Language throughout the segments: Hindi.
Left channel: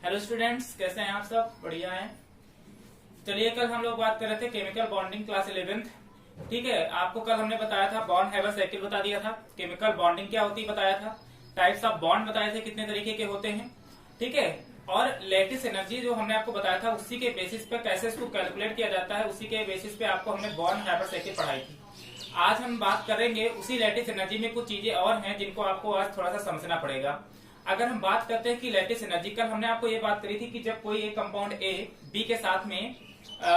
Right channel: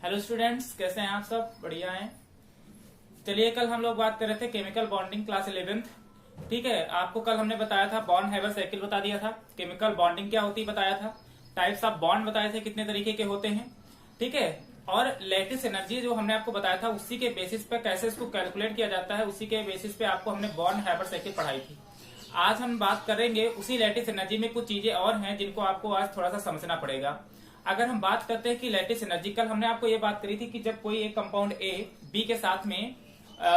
हेलो स्टूडेंट्स, कैसे हैं आप सब? बढ़िया हैं। चलिए, कल हम लोग बात कर रहे थे केमिकल बॉन्डिंग क्लास 11th। ठीक है, आपको कल हमने बताया था बॉन्ड हैवर साइकिल बता दिया था, केमिकल बॉन्डिंग क्या होती है बताया था, टाइप्स ऑफ बॉन्ड बताए थे कितने तरीके के होते हैं। ठीक है, और लैटिस एनर्जी जो हमने आपको बताया था उसी के बेसिस पे कैसे इसको कैलकुलेट किया जाता है, उसी के बेसिस पे आपको हमने बॉन्ड हैवर साइकिल पढ़ाई थी। आज हम बात करेंगे उसी लैटिस एनर्जी में कुछ चीजें और हैं जिनको आपको आज थोड़ा सा समझना पड़ेगा। अगर हम बात करते हैं कि लैटिस एनर्जी, कल हमने आपको ये बात करी थी कि जब कोई एक कंपाउंड ए बी के साथ में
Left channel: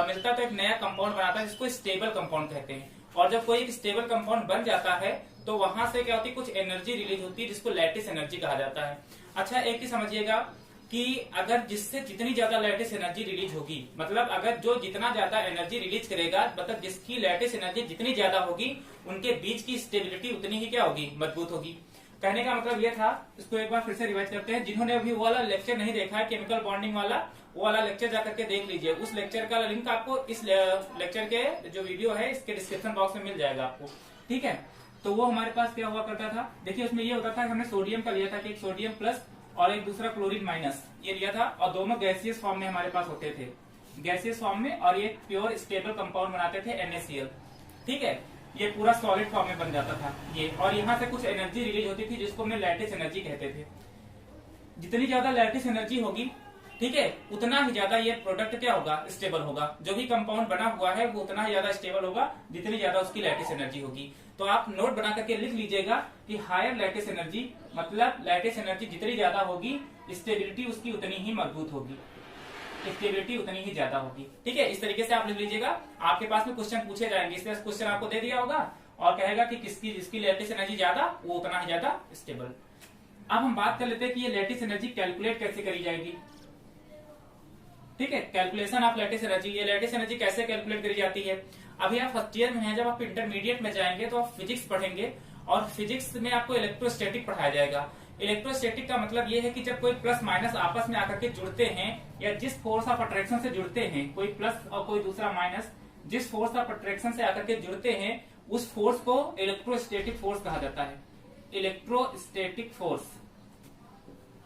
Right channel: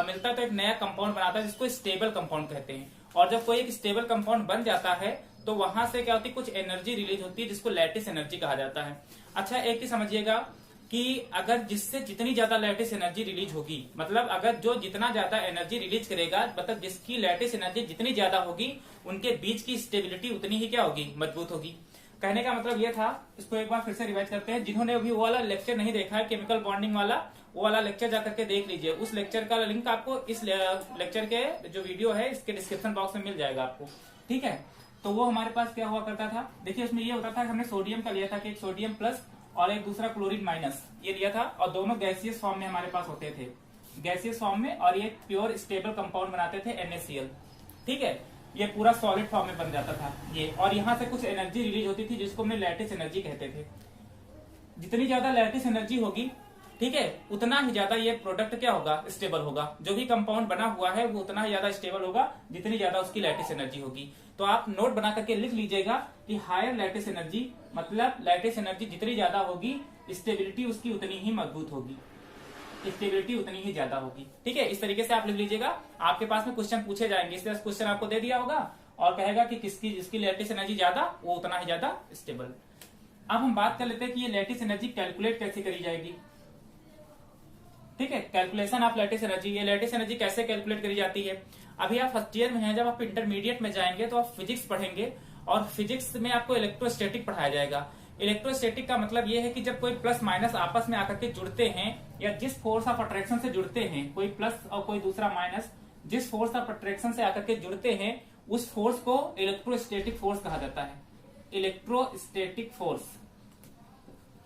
मिलता है तो एक नया कंपाउंड बनाता है जिसको स्टेबल कंपाउंड कहते हैं। और जब कोई एक स्टेबल कंपाउंड बन जाता है तो वहां से क्या होती है, कुछ एनर्जी रिलीज होती है जिसको लैटिस एनर्जी कहा जाता है। अच्छा, एक ही समझिएगा कि अगर जिससे जितनी ज्यादा लैटिस एनर्जी रिलीज होगी, मतलब अगर जो जितना ज्यादा एनर्जी रिलीज करेगा, मतलब जिसकी लैटिस एनर्जी जितनी ज्यादा होगी उनके बीच की स्टेबिलिटी उतनी ही क्या होगी, मजबूत होगी। कहने का मतलब ये था, इसको एक बार फिर से रिवाइज करते हैं। जिन्होंने अभी वो वाला लेक्चर नहीं देखा है केमिकल बॉन्डिंग वाला, वो वाला लेक्चर जाकर के देख लीजिए। उस लेक्चर का लिंक आपको इस लेक्चर के जो वीडियो है इसके डिस्क्रिप्शन बॉक्स में मिल जाएगा आपको। ठीक है, तो वो हमारे पास क्या हुआ करता था, देखिए उसमें ये होता था, हमने सोडियम का लिया था कि एक सोडियम प्लस और एक दूसरा क्लोरीन माइनस ये लिया था, और दोनों गैसियस फॉर्म में हमारे पास होते थे, गैसियस फॉर्म में, और ये प्योर स्टेबल कंपाउंड बनाते थे NaCl। ठीक है, ये पूरा सॉलिड फॉर्म में बन जाता था ये, और यहाँ से कुछ एनर्जी रिलीज होती थी जिसको हमने लैटिस एनर्जी कहते थे। जितनी ज्यादा लैटिस एनर्जी होगी, ठीक है, उतना ही ज्यादा ये प्रोडक्ट क्या होगा, स्टेबल होगा। जो भी कंपाउंड बना हुआ है वो उतना ही ज्यादा स्टेबल होगा जितनी ज्यादा उसकी लैटिस एनर्जी होगी। तो आप नोट बना करके लिख लीजिएगा कि हायर लैटिस एनर्जी, मतलब लैटिस एनर्जी जितनी ज्यादा होगी स्टेबिलिटी उसकी उतनी ही मजबूत होगी, स्टेबिलिटी उतनी ही ज्यादा होगी। ठीक है, इस तरीके से आप लिख लीजिएगा। आपके पास में क्वेश्चन पूछे जाएंगे, इस तरह क्वेश्चन आपको दे दिया होगा और कहेगा कि किसकी जिसकी लैटिस एनर्जी ज्यादा वो उतना ही ज्यादा स्टेबल। अब हम बात कर लेते हैं कि ये लैटिस एनर्जी कैलकुलेट कैसे करी जाएगी। ठीक है, कैलकुलेशन ऑफ लैटिस एनर्जी, ये लैटिस एनर्जी कैसे कैलकुलेट करी जाती है। अभी आप फर्स्ट ईयर में हैं, जब आप इंटरमीडिएट में जाएंगे तो आप फिजिक्स पढ़ेंगे, और फिजिक्स में आपको इलेक्ट्रोस्टैटिक पढ़ाया जाएगा। इलेक्ट्रोस्टैटिक का मतलब ये है कि जब कोई प्लस माइनस आपस में आकर के जुड़ते हैं, या जिस फोर्स ऑफ अट्रैक्शन से जुड़ते हैं, कोई प्लस और कोई दूसरा माइनस, जिस फोर्स ऑफ अट्रैक्शन से आकर के जुड़ते हैं उस फोर्स को इलेक्ट्रोस्टैटिक फोर्स कहा जाता है। इलेक्ट्रोस्टैटिक फोर्स,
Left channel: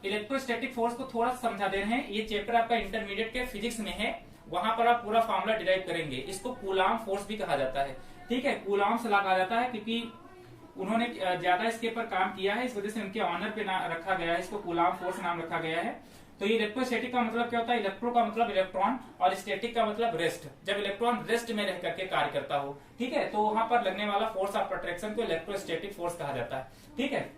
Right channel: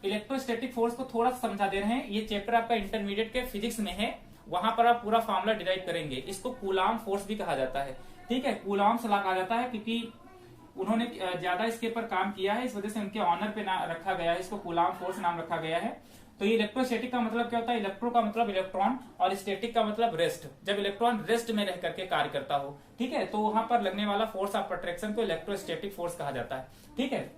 इलेक्ट्रोस्टैटिक फोर्स को थोड़ा समझा दे रहे हैं, ये चैप्टर आपका इंटरमीडिएट के फिजिक्स में है, वहां पर आप पूरा फॉर्मूला डिराइव करेंगे। इसको कूलाम फोर्स भी कहा जाता है। ठीक है, कूलाम ला कहा जाता है क्योंकि उन्होंने ज्यादा इसके ऊपर काम किया है, इस वजह से उनके ऑनर पे रखा गया है, इसको कूलाम फोर्स नाम रखा गया है। तो ये इलेक्ट्रोस्टैटिक का मतलब क्या होता है, इलेक्ट्रो का मतलब इलेक्ट्रॉन और स्टैटिक का मतलब रेस्ट, जब इलेक्ट्रॉन रेस्ट में रह करके कार्य करता हो। ठीक है, तो वहां पर लगने वाला फोर्स ऑफ अट्रैक्शन को इलेक्ट्रोस्टैटिक फोर्स कहा जाता है। ठीक है,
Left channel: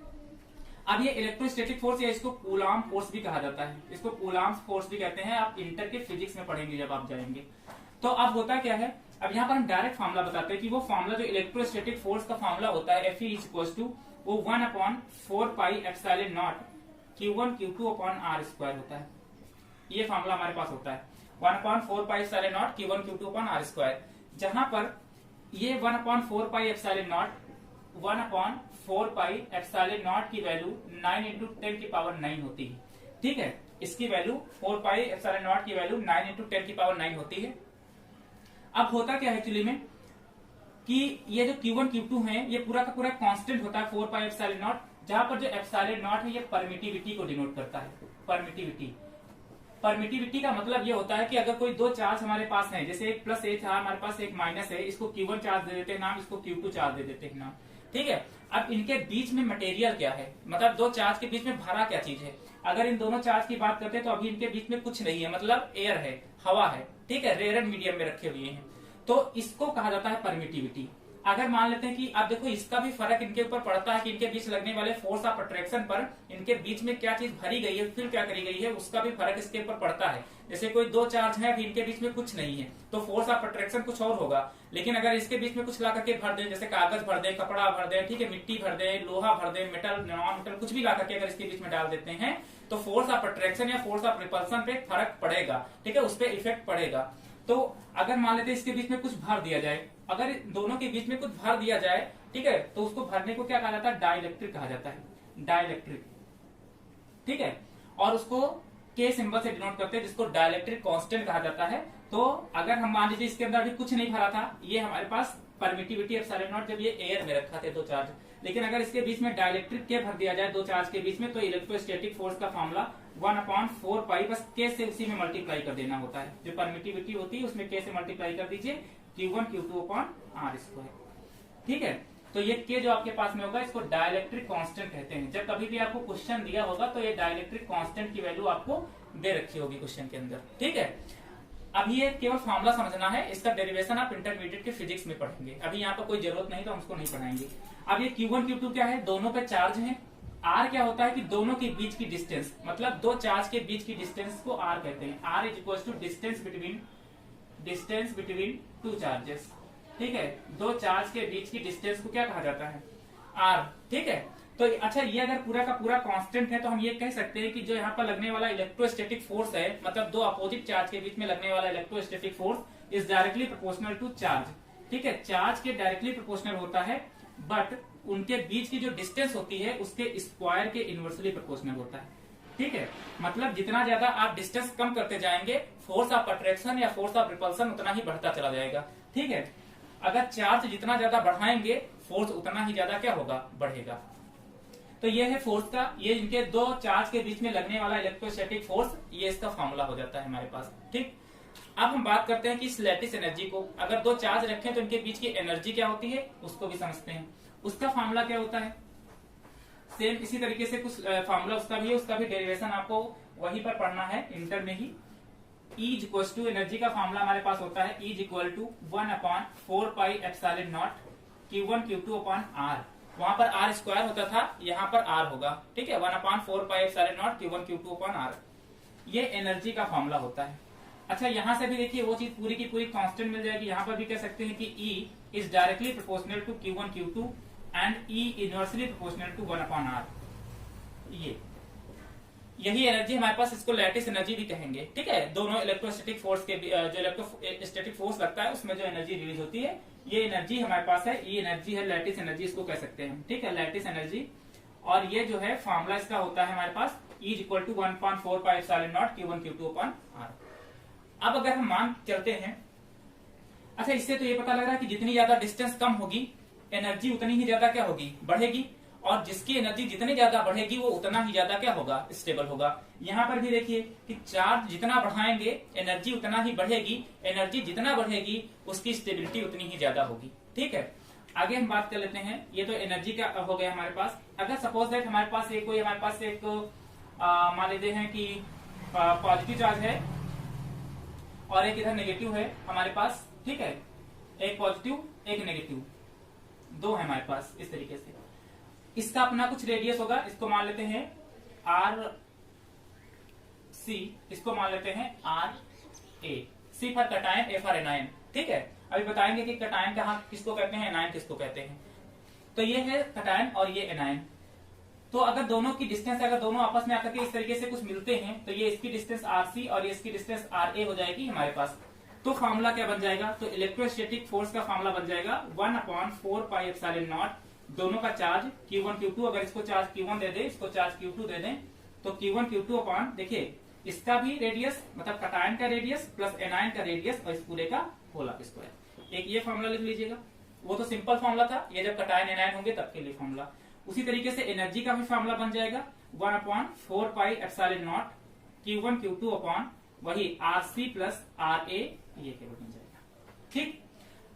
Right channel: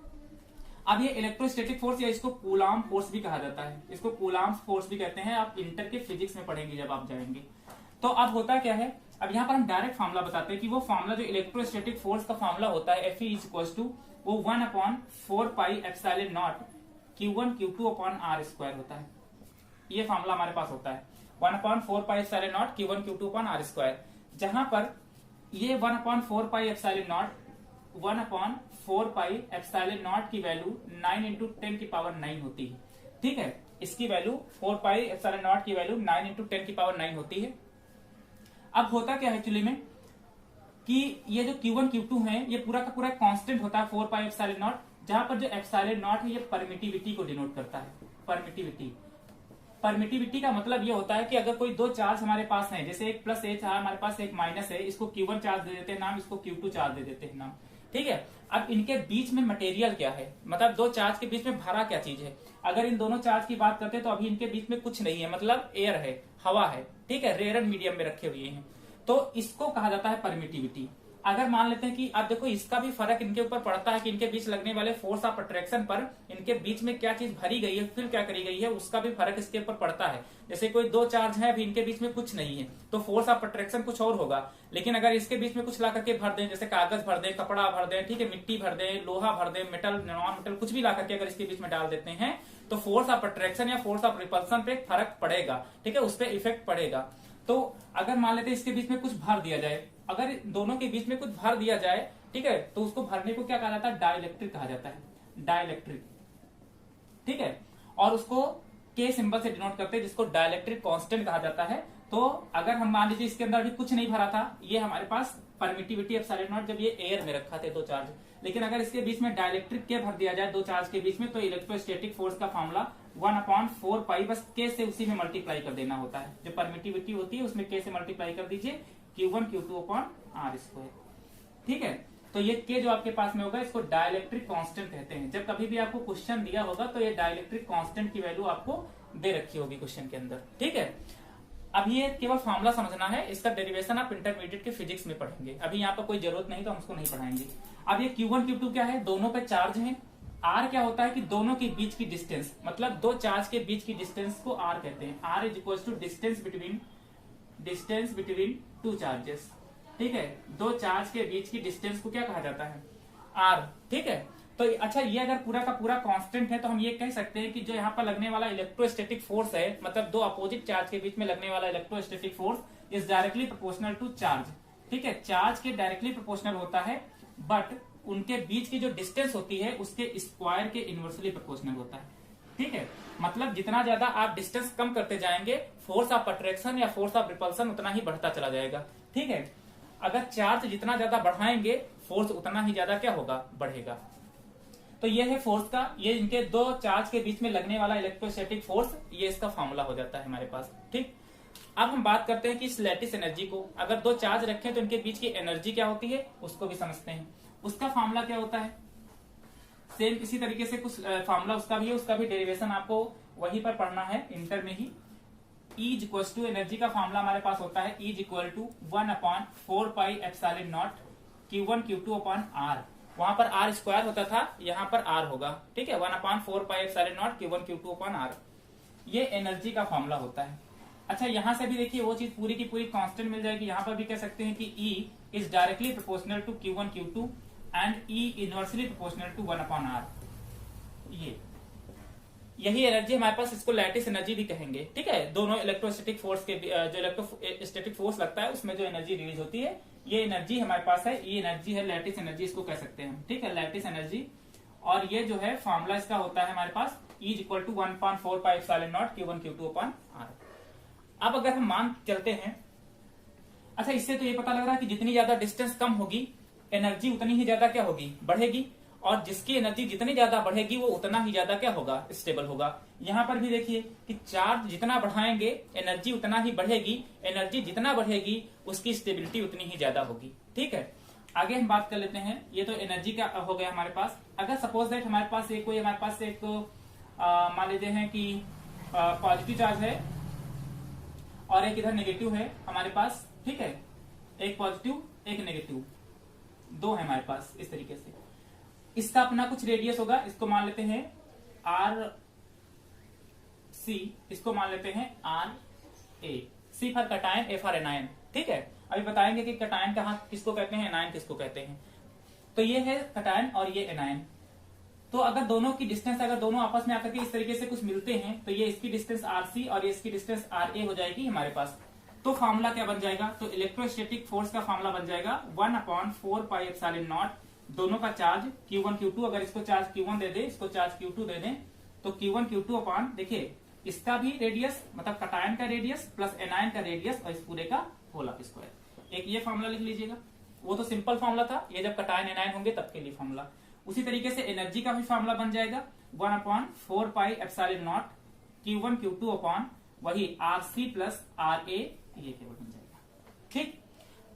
अब ये इलेक्ट्रोस्टैटिक फोर्स या इसको कूलाम फोर्स भी कहा जाता है, इसको कूलाम फोर्स भी कहते हैं। आप इंटर के फिजिक्स में पढ़ेंगे जब आप जाएंगे। तो अब होता क्या है, अब यहाँ पर हम डायरेक्ट फार्मूला बताते हैं कि वो फार्मूला जो इलेक्ट्रोस्टैटिक फोर्स का फार्मूला होता है Fe वो 1/4πε0 Q1 Q2 upon R square होता है। ये फार्मूला हमारे पास होता है 1/4πε0 Q1 Q2 upon R square, जहां पर ये 1/4πε0 1/4πε0 की वैल्यू 9 × 10⁹ होती है। ठीक है, इसकी वैल्यू 4πε0 की वैल्यू 9 × 10⁹ होती है। अब होता क्या है एक्चुअली में कि ये जो Q1 Q2 है ये पूरा का पूरा कांस्टेंट होता है 4πε0, जहां पर जो ε0 है ये परमिटिविटी को डिनोट करता है। परमिटिविटी का मतलब ये होता है कि अगर कोई दो चार्ज हमारे पास है, जैसे एक प्लस है हमारे पास, एक माइनस है, इसको Q1 चार्ज दे देते हैं नाम, इसको Q2 चार्ज दे देते हैं नाम। ठीक है, अब इनके बीच में मटेरियल क्या है, मतलब दो चार्ज के बीच में भरा क्या चीज है। अगर इन दोनों चार्ज की बात करते हैं तो अभी इनके बीच में कुछ नहीं है, मतलब एयर है, हवा है। ठीक है, रेयर मीडियम में रखे हुए हैं, तो इसको कहा जाता है परमिटिविटी। अगर मान लेते हैं कि अब देखो इसका भी फर्क इनके ऊपर पड़ता है कि इनके बीच लगने वाले फोर्स ऑफ अट्रैक्शन पर इनके बीच में क्या चीज भरी गई है, फिर क्या करी गई है, उसका भी फर्क इसके ऊपर पड़ता है। जैसे कोई दो चार्ज है, अभी इनके बीच में कुछ नहीं है तो फोर्स ऑफ अट्रैक्शन कुछ और होगा, लेकिन अगर इसके बीच में कुछ ला करके भर दें, जैसे कागज भर दें, कपड़ा भर दें, ठीक है, मिट्टी भर दें, लोहा भर दें, मेटल नॉन मेटल कुछ भी ला करके अगर इसके बीच में डाल देते हैं तो फोर्स ऑफ अट्रैक्शन या फोर्स ऑफ रिपल्सन पे फर्क पड़ेगा। ठीक है, उस पर इफेक्ट पड़ेगा। तो अगर मान लेते हैं इसके बीच में कुछ भर दिया जाए, अगर दोनों के बीच में कुछ भर दिया जाए, ठीक है, तो उसको भरने को क्या कहा जाता है, डाइलेक्ट्रिक कहा जाता है, डाइलेक्ट्रिक। ठीक है, और उसको के सिंबल से डिनोट करते हैं, जिसको डाइलेक्ट्रिक कांस्टेंट कहा जाता है। तो अगर हम मान लीजिए इसके अंदर भी कुछ नहीं भरा था, ये हमारे पास परमिटिविटी ε0 जब ये एयर में रखा थे दो चार्ज, लेकिन अगर इसके बीच में डाइलेक्ट्रिक के भर दिया जाए दो चार्ज के बीच में, तो इलेक्ट्रोस्टैटिक फोर्स का फॉर्मूला 1/4 पाई, बस के से उसी में मल्टीप्लाई कर देना होता है। जो परमिटिविटी होती है उसमें के से मल्टीप्लाई कर दीजिए, Q1 Q2 upon are square. ठीक है, तो ये के जो आपके पास में होगा इसको डाइलेक्ट्रिक कांस्टेंट कहते हैं। जब कभी भी आपको क्वेश्चन दिया होगा तो ये डाइलेक्ट्रिक कांस्टेंट की वैल्यू आपको दे रखी होगी क्वेश्चन के अंदर। ठीक है, अब ये केवल फॉर्मूला समझना है, इसका डेरिवेशन आप इंटरमीडिएट के फिजिक्स में पढ़ेंगे। अभी यहाँ पर कोई जरूरत नहीं तो हम उसको नहीं पढ़ाएंगे। अब ये Q1 Q2 क्या है, दोनों पे चार्ज है। R क्या होता है कि दोनों के बीच की डिस्टेंस, मतलब दो चार्ज के बीच की डिस्टेंस को R कहते हैं। R is equal to distance between two charges. ठीक है, दो चार्ज के बीच की डिस्टेंस को क्या कहा जाता है, R। ठीक है, तो अच्छा ये अगर पूरा का पूरा कांस्टेंट है तो हम ये कह सकते हैं कि जो यहाँ पर लगने वाला इलेक्ट्रोस्टैटिक फोर्स है, मतलब दो अपोजिट चार्ज के बीच में लगने वाला electrostatic force is directly proportional to charge. ठीक है, चार्ज के डायरेक्टली प्रोपोर्शनल होता है, बट उनके बीच की जो डिस्टेंस होती है उसके स्क्वायर के इनवर्सली प्रोपोर्शनल होता है। ठीक है, मतलब जितना ज्यादा आप डिस्टेंस कम करते जाएंगे, फोर्स ऑफ अट्रैक्शन या फोर्स ऑफ रिपल्सन उतना ही बढ़ता चला जाएगा। ठीक है, अगर चार्ज जितना ज्यादा बढ़ाएंगे फोर्स उतना ही ज्यादा क्या होगा, बढ़ेगा। तो ये है फोर्स का, ये इनके दो चार्ज के बीच में लगने वाला इलेक्ट्रोस्टैटिक फोर्स, ये इसका फॉर्मूला हो जाता है हमारे पास। ठीक, अब हम बात करते हैं कि इस लैटिस एनर्जी को, अगर दो चार्ज रखें तो इनके बीच की एनर्जी क्या होती है उसको भी समझते हैं। उसका फॉर्मूला क्या होता है, सेम इसी तरीके से कुछ फॉर्मूला उसका भी है, उसका भी डेरिवेशन आपको वहीं पर पढ़ना है इंटर में ही। E is equal to, energy का फॉर्मूला हमारे पास होता है E is equal to 1/4 pi epsilon not Q1 Q2 upon R। वहां पर R स्क्वायर होता था, यहाँ पर R होगा। ठीक है, 1/4 pi epsilon not Q1 Q2 upon R, ये एनर्जी का फॉर्मूला होता है। अच्छा, यहां से भी देखिए वो चीज पूरी की पूरी कांस्टेंट मिल जाएगी। यहाँ पर भी कह सकते हैं कि E is directly proportional to Q1 Q2 and E inversely proportional to 1/R। यही एनर्जी हमारे पास, इसको लैटिस एनर्जी भी कहेंगे। ठीक है, दोनों इलेक्ट्रोस्टैटिक फोर्स के जो इलेक्ट्रोस्टैटिक फोर्स लगता है उसमें जो एनर्जी रिलीज होती है, ये एनर्जी हमारे पास है, ये एनर्जी है लैटिस एनर्जी, इसको कह सकते हैं। ठीक है, लैटिस एनर्जी। और ये जो है फॉर्मूला इसका होता है हमारे पास E is equal to 1/4 pi epsilon not Q1 Q2 upon R। अब अगर हम मान चलते हैं, अच्छा इससे तो ये पता लग रहा है कि जितनी ज्यादा डिस्टेंस कम होगी एनर्जी उतनी ही ज्यादा क्या होगी, बढ़ेगी। और जिसकी एनर्जी जितनी ज्यादा बढ़ेगी वो उतना ही ज्यादा क्या होगा, स्टेबल होगा। यहाँ पर भी देखिए कि चार्ज जितना बढ़ाएंगे एनर्जी उतना ही बढ़ेगी, एनर्जी जितना बढ़ेगी उसकी स्टेबिलिटी उतनी ही ज्यादा होगी। ठीक है, आगे हम बात कर लेते हैं। ये तो एनर्जी का हो गया हमारे पास। अगर सपोज दैट हमारे पास एक कोई हमारे पास एक मान लेते हैं कि पॉजिटिव चार्ज है और एक इधर नेगेटिव है हमारे पास। ठीक है, एक पॉजिटिव एक नेगेटिव, दो है हमारे पास इस तरीके से। इसका अपना कुछ रेडियस होगा, इसको मान लेते हैं R C, इसको मान लेते हैं R A। C for cation, A for anion. ठीक है, अभी बताएंगे कि कटायन कहाँ किसको कहते हैं, एनायन किसको कहते हैं। तो ये है कटायन और ये एनायन। तो अगर दोनों की डिस्टेंस, अगर दोनों आपस में आकर के इस तरीके से कुछ मिलते हैं तो ये इसकी डिस्टेंस RC और ये इसकी डिस्टेंस RA हो जाएगी हमारे पास। तो फॉर्मूला क्या बन जाएगा, तो इलेक्ट्रोस्टैटिक फोर्स का फॉर्मूला बन जाएगा 1/4 पाई एप्सिलॉन नॉट, दोनों का चार्ज Q1 Q2, अगर इसको चार्ज Q1 दे दे, इसको चार्ज Q2 दे दें, तो Q1 Q2 अपॉन, देखिए इसका भी रेडियस मतलब कटायन का रेडियस प्लस एनायन का रेडियस और इस पूरे का होल स्क्वायर। एक ये फॉर्मूला लिख लीजिएगा, वो तो सिंपल फॉर्मूला था, ये जब कटायन एनायन होंगे तब के लिए फॉर्मूला। उसी तरीके से एनर्जी का भी फॉर्मूला बन जाएगा 1/4 pi epsilon not Q1 Q2 upon वही RC प्लस RA, ये केवल बन जाएगा। ठीक,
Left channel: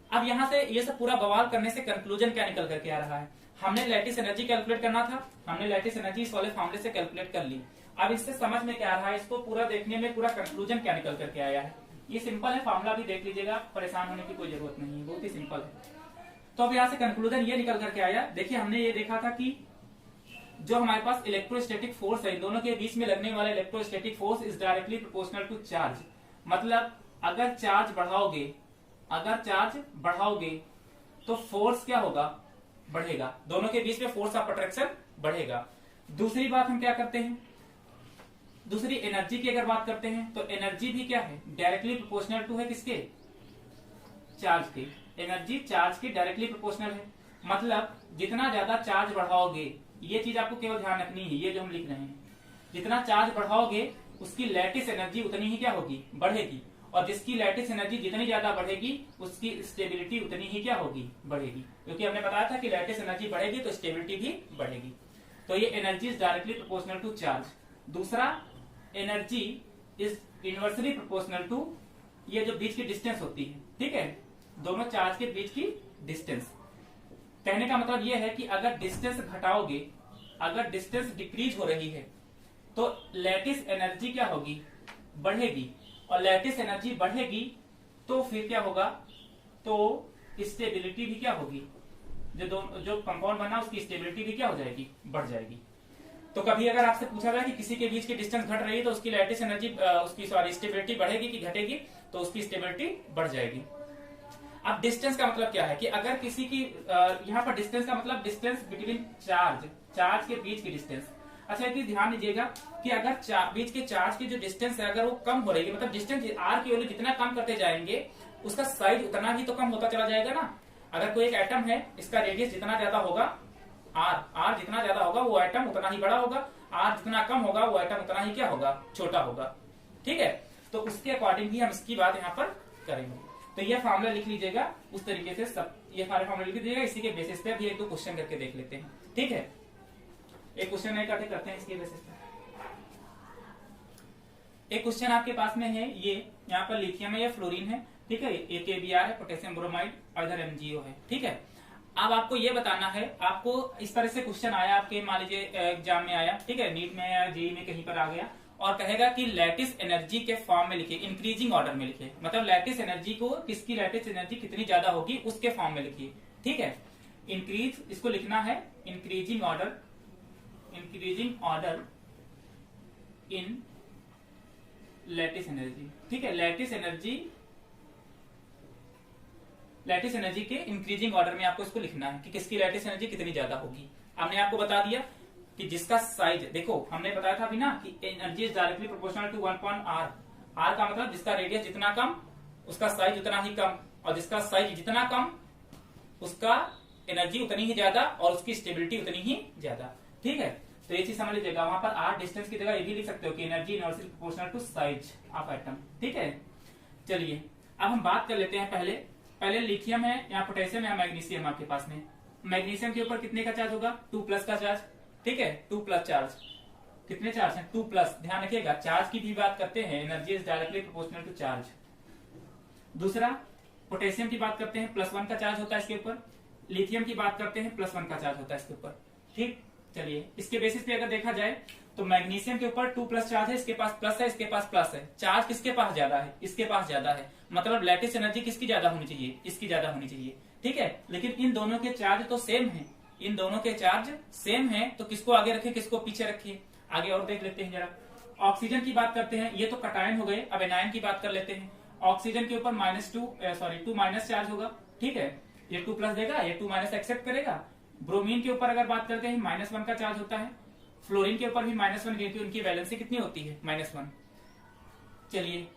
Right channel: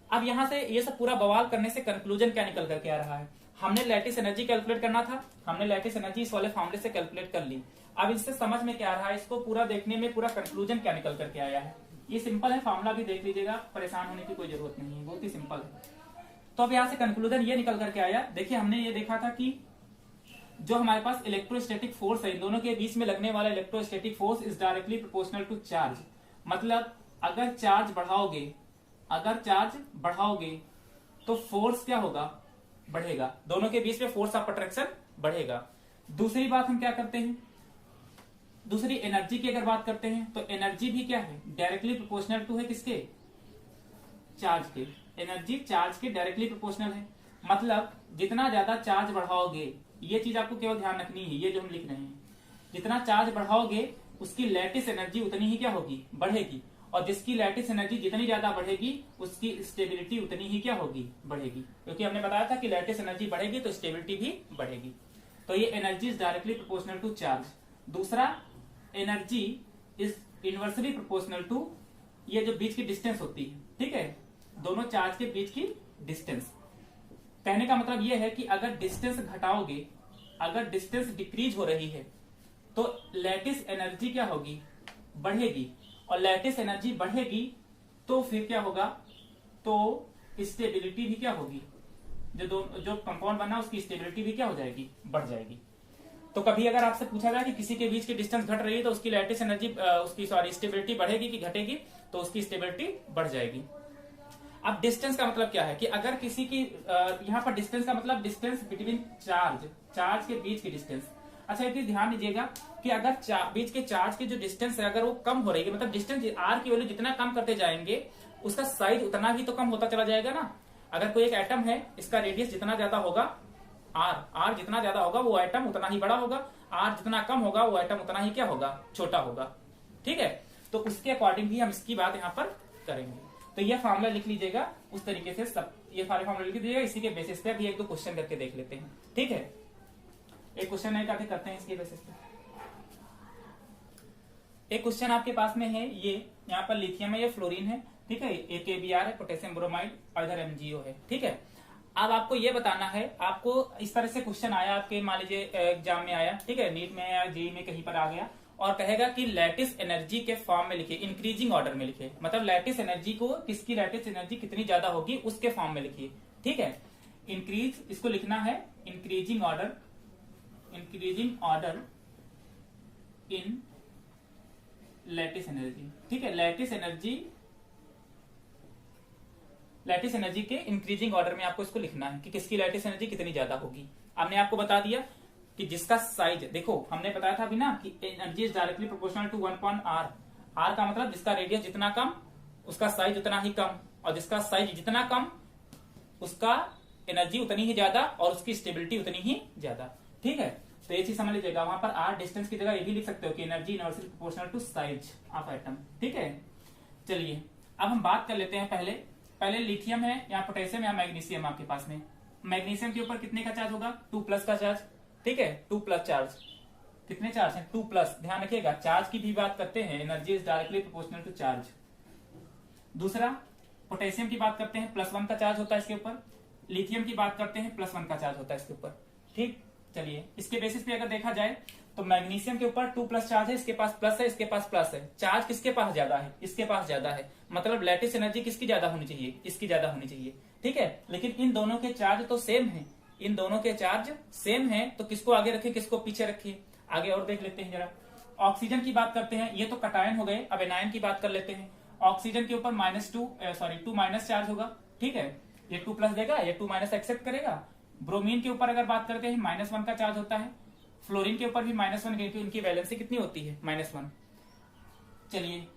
अब यहां से ये सब पूरा बवाल करने से कंक्लूजन क्या निकल करके आ रहा है, हमने लैटिस एनर्जी कैलकुलेट करना था, हमने लैटिस एनर्जी इस वाले फॉर्मूले से कैलकुलेट कर ली। अब इससे समझ में क्या आ रहा है, इसको पूरा देखने में पूरा कंक्लूजन क्या निकल करके आया है। ये सिंपल है, फॉर्मूला भी देख लीजिएगा, परेशान होने की कोई जरूरत नहीं है, बहुत ही सिंपल है। तो अब यहाँ से कंक्लूजन ये निकल करके आया, देखिए हमने ये देखा था कि जो हमारे पास इलेक्ट्रोस्टैटिक फोर्स है, दोनों के बीच में लगने वाला electrostatic force is directly proportional to charge. मतलब अगर चार्ज बढ़ाओगे तो फोर्स क्या होगा, बढ़ेगा, दोनों के बीच में फोर्स ऑफ अट्रैक्शन बढ़ेगा। दूसरी बात हम क्या करते हैं, दूसरी एनर्जी की अगर बात करते हैं तो एनर्जी भी क्या है, डायरेक्टली प्रोपोर्शनल टू है किसके, चार्ज के। एनर्जी चार्ज के डायरेक्टली प्रोपोर्शनल है, मतलब जितना ज्यादा चार्ज बढ़ाओगे, ये चीज आपको केवल ध्यान रखनी है, ये जो हम लिख रहे हैं, जितना चार्ज बढ़ाओगे उसकी लैटिस एनर्जी उतनी ही क्या होगी, बढ़ेगी। और जिसकी लैटिस एनर्जी जितनी ज्यादा बढ़ेगी उसकी स्टेबिलिटी उतनी ही क्या होगी, बढ़ेगी, क्योंकि हमने बताया था कि लैटिस एनर्जी बढ़ेगी तो स्टेबिलिटी भी बढ़ेगी। तो ये energy is directly proportional to charge. दूसरा, energy is inversely proportional to ये जो बीच की डिस्टेंस होती है, ठीक है, दोनों चार्ज के बीच की डिस्टेंस। कहने का मतलब ये है कि अगर डिस्टेंस घटाओगे, अगर डिस्टेंस डिक्रीज हो रही है तो लैटिस एनर्जी क्या होगी, बढ़ेगी, और लैटिस एनर्जी बढ़ेगी तो फिर क्या होगा, तो स्टेबिलिटी भी क्या होगी, जो कंपाउंड बना उसकी स्टेबिलिटी भी क्या हो जाएगी, बढ़ जाएगी। तो कभी अगर आपसे पूछा जाए कि किसी के बीच की डिस्टेंस घट रही है तो उसकी लैटिस एनर्जी उसकी स्टेबिलिटी बढ़ेगी कि घटेगी, तो उसकी स्टेबिलिटी बढ़ जाएगी। अब डिस्टेंस का मतलब क्या है कि अगर किसी की यहाँ पर डिस्टेंस का मतलब डिस्टेंस बिटवीन चार्ज के बीच की डिस्टेंस। अच्छा एक ध्यान दीजिएगा कि अगर बीच के चार्ज की जो डिस्टेंस है अगर वो कम हो रही है, मतलब डिस्टेंस आर की वैल्यू जितना कम करते जाएंगे उसका साइज उतना ही तो कम होता चला जाएगा ना। अगर कोई एक एटम है, इसका रेडियस जितना ज्यादा होगा, आर जितना ज्यादा होगा वो एटम उतना ही बड़ा होगा, आर जितना कम होगा वो एटम उतना ही क्या होगा, छोटा होगा, ठीक है। तो उसके अकॉर्डिंग ही हम इसकी बात यहाँ पर करेंगे। तो यह फॉर्मूला लिख लीजिएगा उस तरीके से, सब ये सारे फॉर्मूला लिख लीजिएगा। इसी के बेसिस पे अभी एक दो क्वेश्चन करके देख लेते हैं, ठीक है। एक क्वेश्चन नहीं करते हैं इसके बेसिस पे। एक क्वेश्चन आपके पास में है, ये यहाँ पर लिथियम है, ये फ्लोरीन है, ठीक है, एक AbR है, पोटेशियम ब्रोमाइड, और इधर MgO है, ठीक है। अब आपको ये बताना है, आपको इस तरह से क्वेश्चन आया आपके मान लीजिए एग्जाम में आया, ठीक है, नीट में या जेईई में कहीं पर आ गया और कहेगा कि लैटिस एनर्जी के फॉर्म में लिखिए, इंक्रीजिंग ऑर्डर में लिखिए, मतलब लैटिस एनर्जी को किसकी लैटिस एनर्जी कितनी ज्यादा होगी उसके फॉर्म में लिखिए, ठीक है। इंक्रीज इसको लिखना है increasing order in lattice energy, ठीक है। लैटिस एनर्जी के इंक्रीजिंग ऑर्डर में आपको इसको लिखना है कि किसकी लैटिस एनर्जी कितनी ज्यादा होगी। हमने आपको बता दिया कि जिसका साइज, देखो हमने बताया था अभी ना कि energy is directly proportional to 1/r। r का मतलब जिसका रेडियस जितना कम उसका साइज उतना ही कम, और जिसका साइज जितना कम उसका एनर्जी उतनी ही ज्यादा और उसकी स्टेबिलिटी उतनी ही ज्यादा, ठीक है। तो ये चीज समझ लीजिएगा, वहां पर r डिस्टेंस की जगह ये भी लिख सकते हो कि energy inversely proportional to size of atom, ठीक है। चलिए अब हम बात कर लेते हैं, पहले लिथियम है या पोटेशियम या मैग्नीशियम आपके पास में। मैग्नीशियम के ऊपर कितने का चार्ज होगा, 2+ का चार्ज, ठीक है, 2+ चार्ज। कितने चार्ज है, 2+। ध्यान रखिएगा चार्ज की भी बात करते हैं, energy is directly proportional to charge. दूसरा पोटेशियम की बात करते हैं, +1 का चार्ज होता है इसके ऊपर। लिथियम की बात करते हैं, +1 का चार्ज होता है इसके ऊपर, ठीक। चलिए इसके बेसिस पे अगर देखा जाए तो मैग्नीशियम के ऊपर 2+ चार्ज है, इसके पास प्लस है, इसके पास प्लस है। चार्ज किसके पास ज्यादा है, इसके पास ज्यादा है, मतलब लैटिस एनर्जी किसकी ज्यादा होनी चाहिए, इसकी ज्यादा होनी चाहिए, ठीक है। लेकिन इन दोनों के चार्ज तो सेम है, इन दोनों के चार्ज सेम है, तो किसको आगे रखिए किसको पीछे रखिए। आगे और देख लेते हैं जरा। ऑक्सीजन की बात करते हैं, ये तो कटायन हो गए, अब एनायन की बात कर लेते हैं। ऑक्सीजन के ऊपर -2 चार्ज होगा, ठीक है, ये 2+ देगा, ये 2- एक्सेप्ट करेगा। ब्रोमीन के ऊपर अगर बात करते हैं -1 का चार्ज होता है। फ्लोरीन के ऊपर भी -1, क्योंकि उनकी वैलेंसी कितनी होती है, -1। चलिए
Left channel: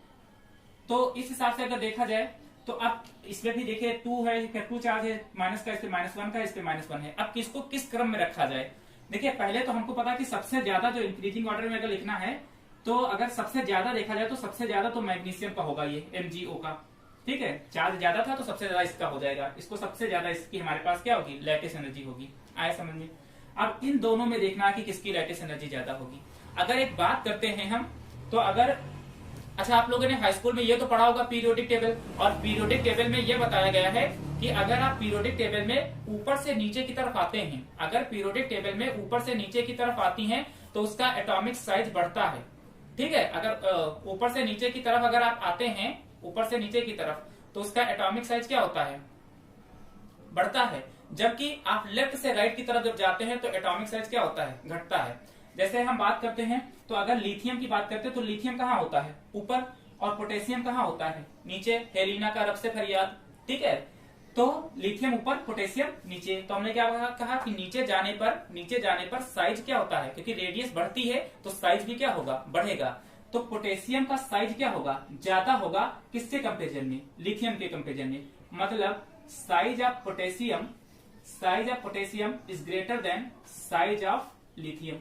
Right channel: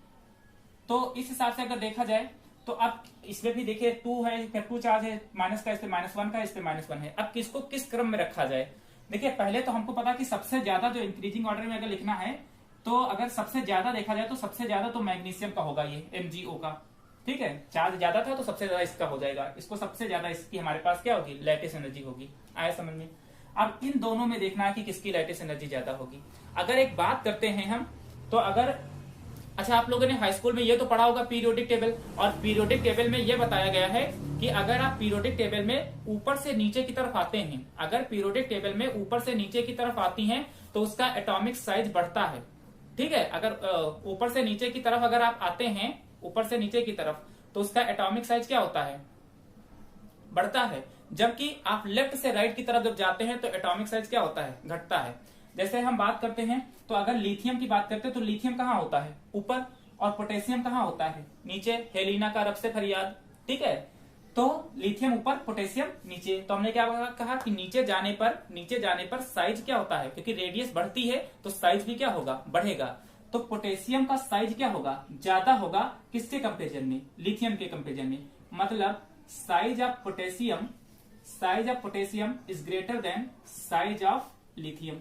तो इस हिसाब से अगर देखा जाए तो अब इसमें भी देखिए 2 है, 2 चार्ज है, माइनस का, इस पे -1 का, इस पे -1 है। अब किसको किस क्रम में रखा जाए, देखिए पहले तो हमको पता कि सबसे ज्यादा जो इंक्रीजिंग ऑर्डर में अगर लिखना है तो अगर सबसे ज्यादा देखा जाए तो सबसे ज्यादा तो मैग्नीशियम का होगा, ये MgO का, ठीक है। चार्ज ज्यादा था तो सबसे ज्यादा इसका हो जाएगा, इसको सबसे ज्यादा इसकी हमारे पास क्या होगी, लैटिस एनर्जी होगी। आए समझ में। अब इन दोनों में देखना है कि किसकी लैटिस एनर्जी ज्यादा होगी। अगर एक बात करते हैं हम तो अगर, अच्छा आप लोगों ने हाई स्कूल में ये तो पढ़ा होगा पीरियोडिक टेबल, और पीरियोडिक टेबल में ये बताया गया है कि अगर आप पीरियोडिक टेबल में ऊपर से नीचे की तरफ आते हैं, अगर पीरियोडिक टेबल में ऊपर से नीचे की तरफ आती हैं तो उसका एटॉमिक साइज बढ़ता है, ठीक है। अगर ऊपर से नीचे की तरफ अगर आप आते हैं, ऊपर से नीचे की तरफ, तो उसका एटॉमिक साइज क्या होता है, बढ़ता है। जबकि आप लेफ्ट से राइट की तरफ जब जाते हैं तो एटॉमिक साइज क्या होता है, घटता है। जैसे हम बात करते हैं तो अगर लिथियम की बात करते हैं तो लिथियम कहाँ होता है, ऊपर, और पोटेशियम कहाँ होता है, नीचे। हेलिना का रब से फरियाद, ठीक है। तो लिथियम ऊपर, पोटेशियम नीचे। तो हमने क्या कहा कि नीचे जाने पर साइज क्या होता है, क्योंकि रेडियस बढ़ती है तो साइज भी क्या होगा, बढ़ेगा। तो पोटेशियम का साइज क्या होगा, ज्यादा होगा, किसके कंपेरिजन में, लिथियम के कंपेरिजन में। मतलब size of potassium is greater than size of lithium,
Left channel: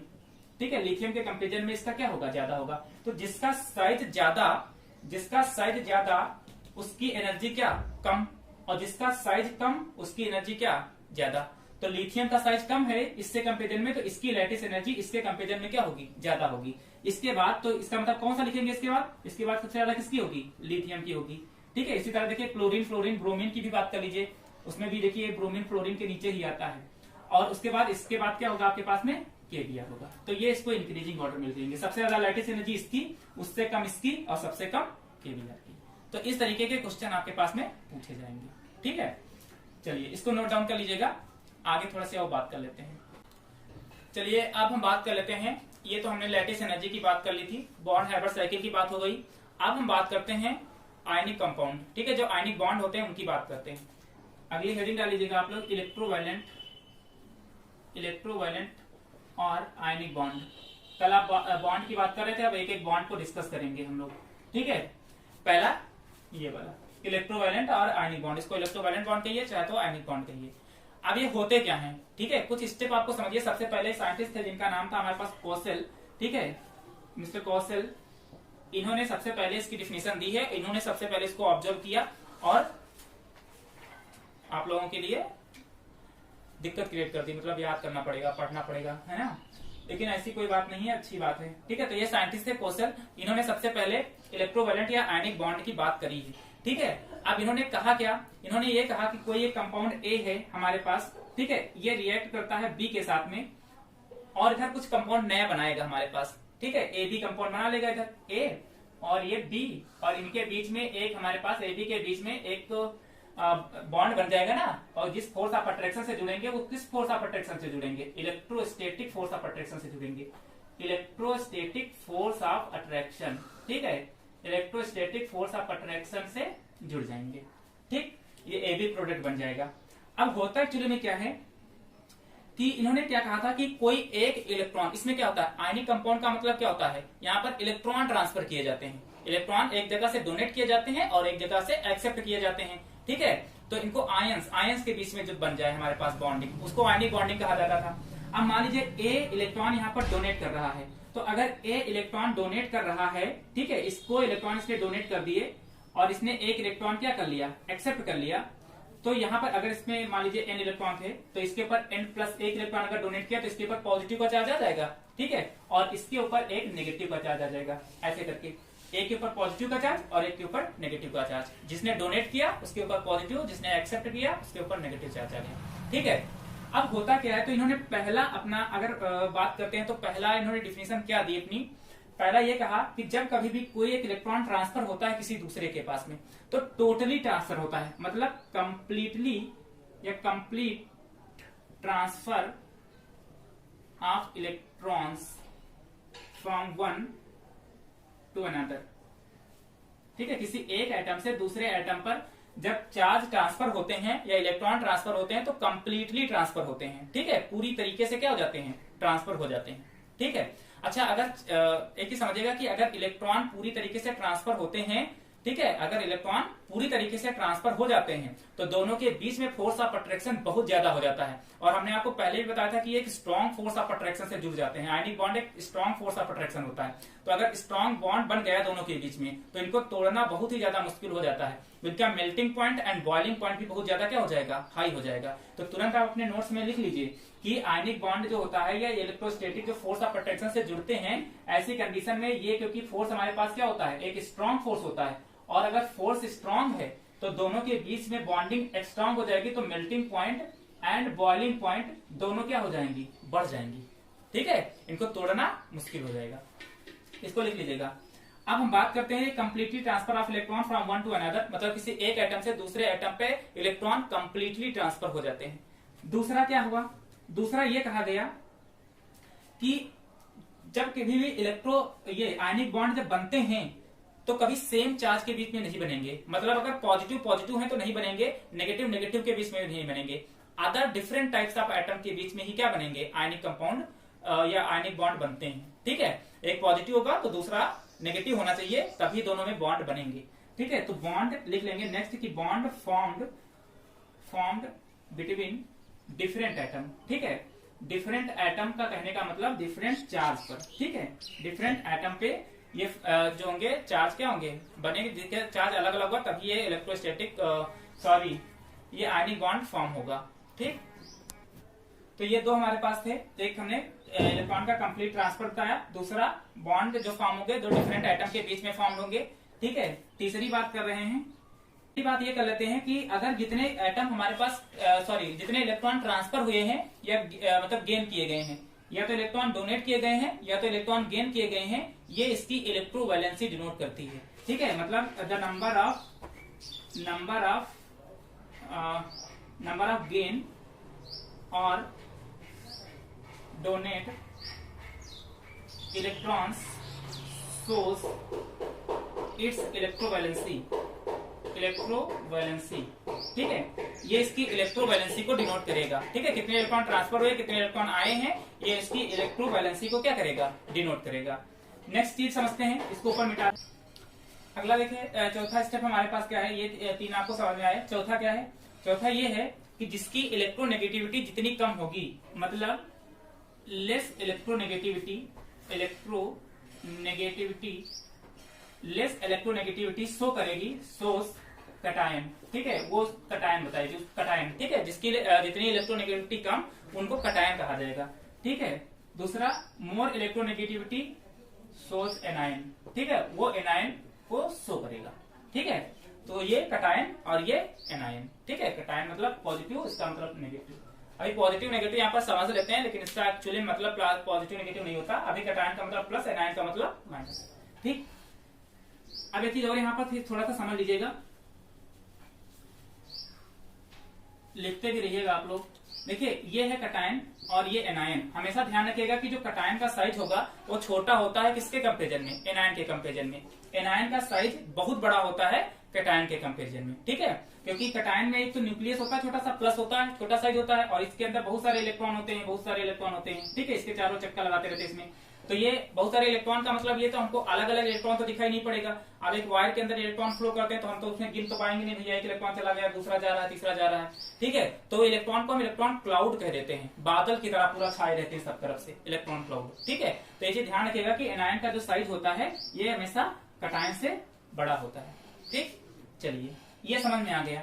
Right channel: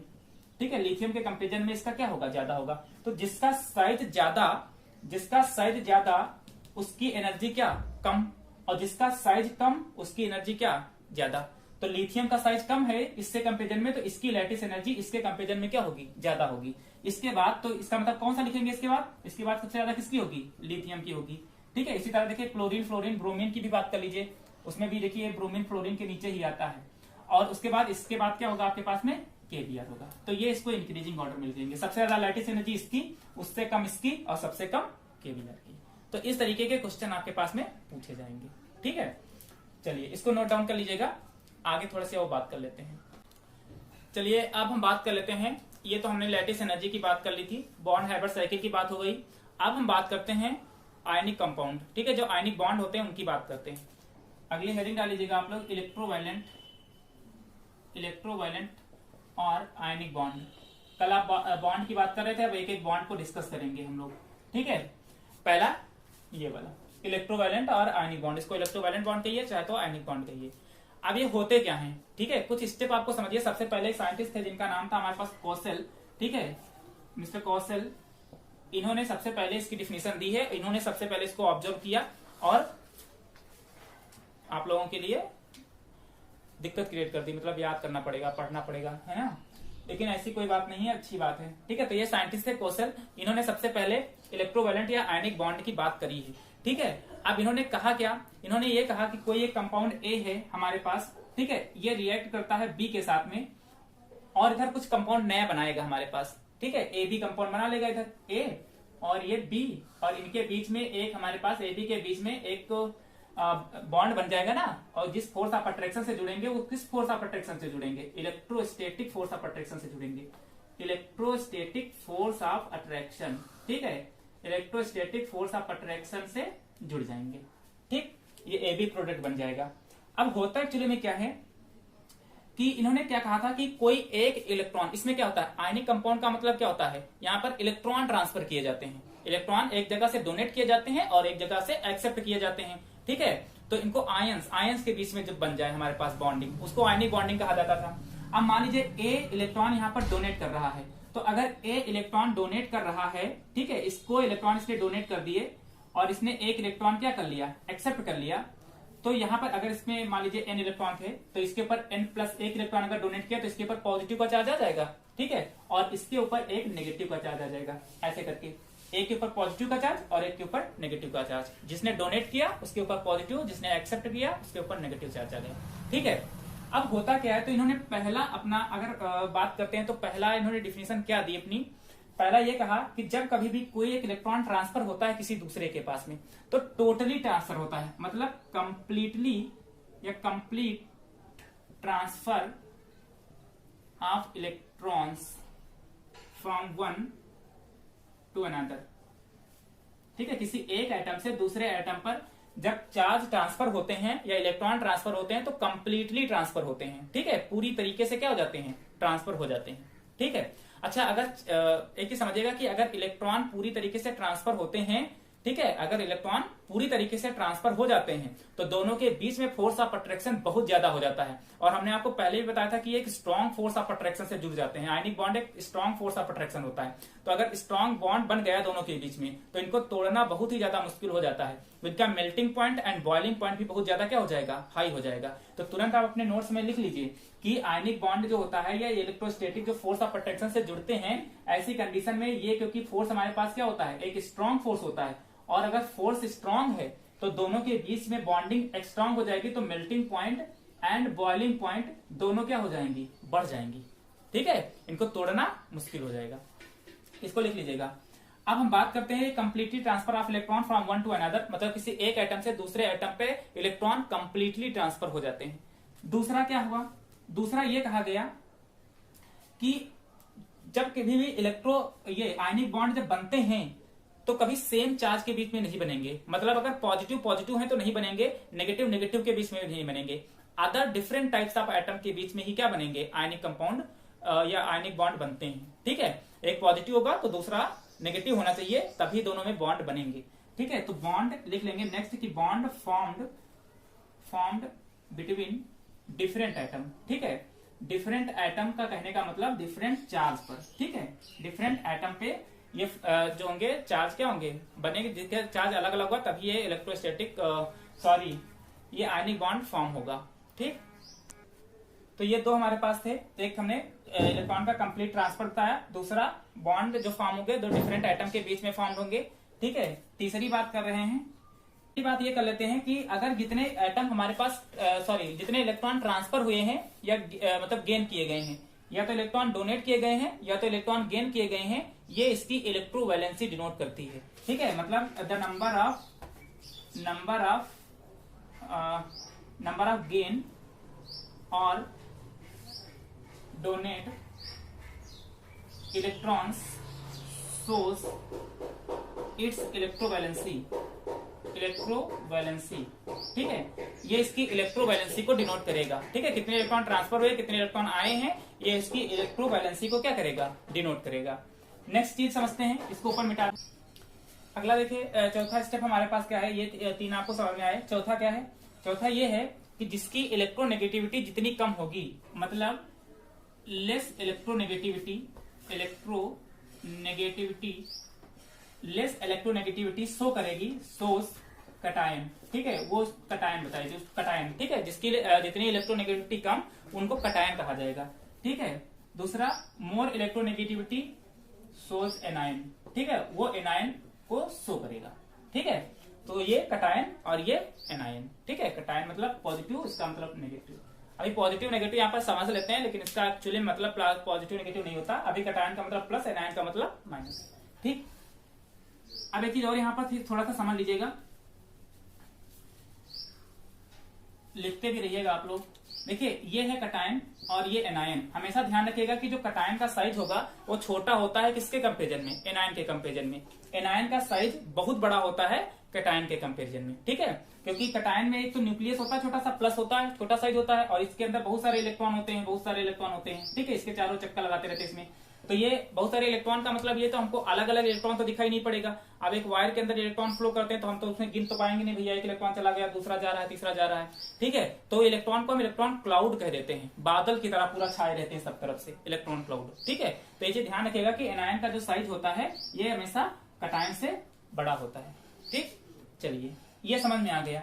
ठीक है। लिथियम के कंपेरिजन में इसका क्या होगा, ज्यादा होगा। तो जिसका साइज ज्यादा उसकी एनर्जी क्या, कम, और जिसका साइज कम उसकी एनर्जी क्या, ज्यादा। तो लिथियम का साइज कम है इससे कंपेरिजन में, तो इसकी लैटिस एनर्जी इसके कंपेरिजन में क्या होगी, ज्यादा होगी। इसके बाद तो इसका मतलब कौन सा लिखेंगे इसके बाद सबसे ज्यादा किसकी होगी, लिथियम की होगी। ठीक है, इसी तरह देखिए क्लोरीन फ्लोरीन ब्रोमीन की भी बात कर लीजिए, उसमें भी देखिए ब्रोमीन फ्लोरीन के नीचे ही आता है। और उसके बाद इसके बाद क्या होगा आपके पास में, केबीआर होगा। तो ये इसको इंक्रीजिंग ऑर्डर मिल जाएंगे, सबसे ज्यादा लैटिस एनर्जी इसकी, उससे कम इसकी और सबसे कम केबीआर की। तो इस तरीके के क्वेश्चन आपके पास में पूछे जाएंगे। ठीक है, चलिए इसको नोट डाउन कर लीजिएगा, आगे थोड़ा सा और बात कर लेते हैं। चलिए अब हम बात कर लेते हैं, ये तो हमने लैटिस एनर्जी की बात कर ली थी, बॉन्ड हाइब्रिड साइकिल की बात हो गई। अब हम बात करते हैं आयनिक कंपाउंड। ठीक है, जो आयनिक बॉन्ड होते हैं उनकी बात करते हैं। अगली हेडिंग डाल लीजिएगा आप लोग, इलेक्ट्रोवायलेंट और आयनिक बॉन्ड। कल आप बॉन्ड की बात कर रहे थे, अब एक एक बॉन्ड को डिस्कस करेंगे हम लोग। ठीक है, पहला ये वाला इलेक्ट्रोवायलेंट और आयनिक बॉन्ड, इसको इलेक्ट्रोवायलेंट बॉन्ड कहिए चाहे तो आयनिक बॉन्ड कहिए। अब ये होते क्या हैं, ठीक है, कुछ स्टेप आपको समझिए। सबसे पहले साइंटिस्ट थे जिनका नाम था हमारे पास कोसेल। ठीक है, मिस्टर कोसेल, इन्होंने सबसे पहले इसकी डिफिनेशन दी है, इन्होंने सबसे पहले इसको ऑब्जर्व किया और आप लोगों के लिए दिक्कत क्रिएट कर दी, मतलब याद करना पड़ेगा, पढ़ना पड़ेगा, है ना, लेकिन ऐसी कोई बात नहीं है, अच्छी बात है। ठीक है, तो ये साइंटिस्ट थे कोसेल, इन्होंने सबसे पहले इलेक्ट्रोवायलेंट या आयनिक बॉन्ड की बात करी है। ठीक है, अब इन्होंने कहा क्या, इन्होंने ये कहा कि कोई एक कंपाउंड ए है हमारे पास, ठीक है, ये रिएक्ट करता है बी के साथ में और इधर कुछ कंपाउंड नया बनाएगा हमारे पास। ठीक है, ए बी कंपाउंड बना लेगा, इधर ए और ये बी, और इनके बीच में एक हमारे पास ए बी के बीच में एक बॉन्ड बन जाएगा ना, और जिस फोर्स ऑफ अट्रैक्शन से जुड़ेंगे वो किस फोर्स ऑफ अट्रैक्शन से जुड़ेंगे, इलेक्ट्रोस्टैटिक फोर्स ऑफ अट्रैक्शन से जुड़ेंगे, इलेक्ट्रोस्टैटिक फोर्स ऑफ अट्रैक्शन। ठीक है, इलेक्ट्रोस्टैटिक फोर्स ऑफ अट्रैक्शन से जुड़ जाएंगे। ठीक, ये ए बी प्रोडक्ट बन जाएगा। अब होता एक्चुअली में क्या है कि इन्होंने क्या कहा था कि कोई एक इलेक्ट्रॉन, इसमें क्या होता है, आयनिक कंपाउंड का मतलब क्या होता है, यहाँ पर इलेक्ट्रॉन ट्रांसफर किए जाते हैं, इलेक्ट्रॉन एक जगह से डोनेट किए जाते हैं और एक जगह से एक्सेप्ट किए जाते हैं। ठीक है, तो इनको आयंस के बीच में जब बन जाए हमारे पास बॉन्डिंग, उसको आयनिक बॉन्डिंग कहा जाता था। अब मान लीजिए ए इलेक्ट्रॉन यहाँ पर डोनेट कर रहा है, तो अगर ए इलेक्ट्रॉन डोनेट कर रहा है, ठीक है, इसको इलेक्ट्रॉन इसने डोनेट कर दिए और इसने एक इलेक्ट्रॉन क्या कर लिया, एक्सेप्ट कर लिया, तो यहाँ पर अगर इसमें मान लीजिए n इलेक्ट्रॉन थे, तो इसके ऊपर n+1 इलेक्ट्रॉन अगर डोनेट किया तो इसके ऊपर पॉजिटिव का चार्ज आ जाएगा। ठीक है, और इसके ऊपर एक नेगेटिव का चार्ज आ जाएगा, ऐसे करके एक के ऊपर पॉजिटिव का चार्ज और एक के ऊपर नेगेटिव का चार्ज। जिसने डोनेट किया उसके ऊपर पॉजिटिव, जिसने एक्सेप्ट किया उसके ऊपर नेगेटिव चार्ज आ गया। ठीक है, अब होता क्या है, तो इन्होंने पहला अपना अगर बात करते हैं तो पहला इन्होंने डिफिनेशन क्या दी अपनी, पहला ये कहा कि जब कभी भी कोई एक इलेक्ट्रॉन ट्रांसफर होता है किसी दूसरे के पास में, तो टोटली ट्रांसफर होता है, मतलब कंप्लीटली या complete transfer of electrons from one two another. ठीक है, किसी एक एटम से दूसरे एटम पर जब चार्ज ट्रांसफर होते हैं या इलेक्ट्रॉन ट्रांसफर होते हैं तो कंप्लीटली ट्रांसफर होते हैं। ठीक है, पूरी तरीके से क्या हो जाते हैं, ट्रांसफर हो जाते हैं। ठीक है, अच्छा, अगर एक ही समझिएगा कि अगर इलेक्ट्रॉन पूरी तरीके से ट्रांसफर होते हैं, ठीक है, अगर इलेक्ट्रॉन पूरी तरीके से ट्रांसफर हो जाते हैं तो दोनों के बीच में फोर्स ऑफ अट्रैक्शन बहुत ज्यादा हो जाता है। और हमने आपको पहले भी बताया था कि एक स्ट्रॉन्ग फोर्स ऑफ अट्रैक्शन से जुड़ जाते हैं, आयनिक बॉन्ड एक स्ट्रॉन्ग फोर्स ऑफ अट्रैक्शन होता है। तो अगर स्ट्रॉन्ग बॉन्ड बन गया दोनों के बीच में तो इनको तोड़ना बहुत ही ज्यादा मुश्किल हो जाता है। इनका melting point and boiling point भी बहुत ज्यादा क्या हो जाएगा, हाई हो जाएगा। तो तुरंत आप अपने नोट्स में लिख लीजिए कि आयनिक बॉन्ड जो होता है या इलेक्ट्रोस्टैटिक जो फोर्स ऑफ अट्रैक्शन से जुड़ते हैं, ऐसी कंडीशन में ये, क्योंकि फोर्स हमारे पास क्या होता है, एक स्ट्रॉन्ग फोर्स होता है, और अगर फोर्स स्ट्रॉन्ग है तो दोनों के बीच में बॉन्डिंग स्ट्रॉन्ग हो जाएगी, तो melting point and boiling point दोनों क्या हो जाएंगी, बढ़ जाएंगी। ठीक है, इनको तोड़ना मुश्किल हो जाएगा, इसको लिख लीजिएगा। अब हम बात करते हैं completely transfer of electron from one two another, मतलब किसी एक एटम से दूसरे एटम पे इलेक्ट्रॉन कंप्लीटली ट्रांसफर हो जाते हैं। दूसरा क्या हुआ, दूसरा ये कहा गया कि जब कभी भी ये आयनिक बॉन्ड जब बनते हैं तो कभी सेम चार्ज के बीच में नहीं बनेंगे, मतलब अगर पॉजिटिव पॉजिटिव है तो नहीं बनेंगे, नेगेटिव नेगेटिव के बीच में भी नहीं बनेंगे, other different types of atom के बीच में ही क्या बनेंगे, आयनिक कंपाउंड या आयनिक बॉन्ड बनते हैं। ठीक है, एक पॉजिटिव होगा तो दूसरा नेगेटिव होना चाहिए, तभी दोनों में बॉन्ड बनेंगे। ठीक है, तो बॉन्ड लिख लेंगे नेक्स्ट की bond formed between different atom. ठीक है, डिफरेंट एटम का कहने का मतलब डिफरेंट चार्ज पर। ठीक है, डिफरेंट एटम पे ये जो होंगे चार्ज क्या होंगे, बनेंगे, चार्ज अलग अलग होगा तभी ये इलेक्ट्रोस्टैटिक ये आयनिक बॉन्ड फॉर्म होगा। ठीक, तो ये दो हमारे पास थे, तो एक हमने इलेक्ट्रॉन का कंप्लीट ट्रांसफर बताया, दूसरा बॉन्ड जो फॉर्म होंगे दो डिफरेंट आइटम के बीच में फॉर्म होंगे, ठीक है। तीसरी बात कर रहे हैं, तीसरी बात ये कर लेते हैं कि अगर जितने एटम हमारे पास जितने इलेक्ट्रॉन ट्रांसफर हुए हैं या मतलब गेन किए गए हैं, या तो इलेक्ट्रॉन डोनेट किए गए हैं या तो इलेक्ट्रॉन गेन किए गए हैं, ये इसकी इलेक्ट्रोवैलेंसी डिनोट करती है, ठीक है। मतलब द नंबर ऑफ गेन और donate electrons shows its electrovalency, ठीक है। ये इसकी इलेक्ट्रोवैलेंसी को डिनोट करेगा, ठीक है। कितने इलेक्ट्रॉन ट्रांसफर हुए, कितने इलेक्ट्रॉन आए हैं, ये इसकी इलेक्ट्रोवैलेंसी को क्या करेगा, डिनोट करेगा। नेक्स्ट चीज समझते हैं, इसको ऊपर मिटा। अगला देखिए, चौथा स्टेप हमारे पास क्या है, ये तीन आपको समझ में आए। चौथा क्या है, चौथा ये है कि जिसकी इलेक्ट्रोनेगेटिविटी जितनी कम होगी, मतलब लेस इलेक्ट्रोनेगेटिविटी शो करेगी, सोस कटायन, ठीक है। वो कटायन बताइए, जो कटायन, ठीक है, जिसकी जितनी इलेक्ट्रोनेगेटिविटी कम उनको कटायन कहा जाएगा, ठीक है। दूसरा मोर इलेक्ट्रोनेगेटिविटी सोस एनायन, ठीक है, वो एनायन को शो करेगा, ठीक है। तो ये कटायन और ये एनायन, ठीक है। कटायन मतलब पॉजिटिव, इसका मतलब नेगेटिव। अभी पॉजिटिव नेगेटिव यहाँ पर समझ लेते हैं, लेकिन इसका एक्चुअली मतलब पॉजिटिव नेगेटिव नहीं होता। अभी कटायन का मतलब प्लस, एनायन का मतलब माइनस, ठीक। अब एक चीज और यहाँ पर थोड़ा सा समझ लीजिएगा, लिखते भी रहिएगा आप लोग। देखिए, ये है कटायन और ये एनायन। हमेशा ध्यान रखिएगा कि जो कटायन का साइज होगा वो छोटा होता है किसके कंपेरिजन में, एनायन के कंपेरिजन में। एनायन का साइज बहुत बड़ा होता है कटायन के कंपेरिजन में, ठीक है। क्योंकि कटायन में एक तो न्यूक्लियस होता है छोटा सा, प्लस होता है, छोटा साइज होता है, और इसके अंदर बहुत सारे इलेक्ट्रॉन होते हैं, ठीक है। इसके चारों चक्कर लगाते रहते हैं इसमें। तो ये बहुत सारे इलेक्ट्रॉन का मतलब ये तो हमको अलग अलग इलेक्ट्रॉन तो दिखाई नहीं पड़ेगा। अब एक वायर के अंदर इलेक्ट्रॉन फ्लो करते हैं तो हम तो उसमें गिन तो पाएंगे नहीं, भैया एक इलेक्ट्रॉन चला गया, दूसरा जा रहा है, तीसरा जा रहा है, ठीक है। तो इलेक्ट्रॉन को हम इलेक्ट्रॉन क्लाउड कह देते हैं, बादल की तरह पूरा छाए रहते हैं सब तरफ से इलेक्ट्रॉन क्लाउड, ठीक है। तो इसे ध्यान रखिएगा कि एनायन का जो साइज होता है ये हमेशा कटायन से बड़ा होता है, ठीक। चलिए, ये समझ में आ गया।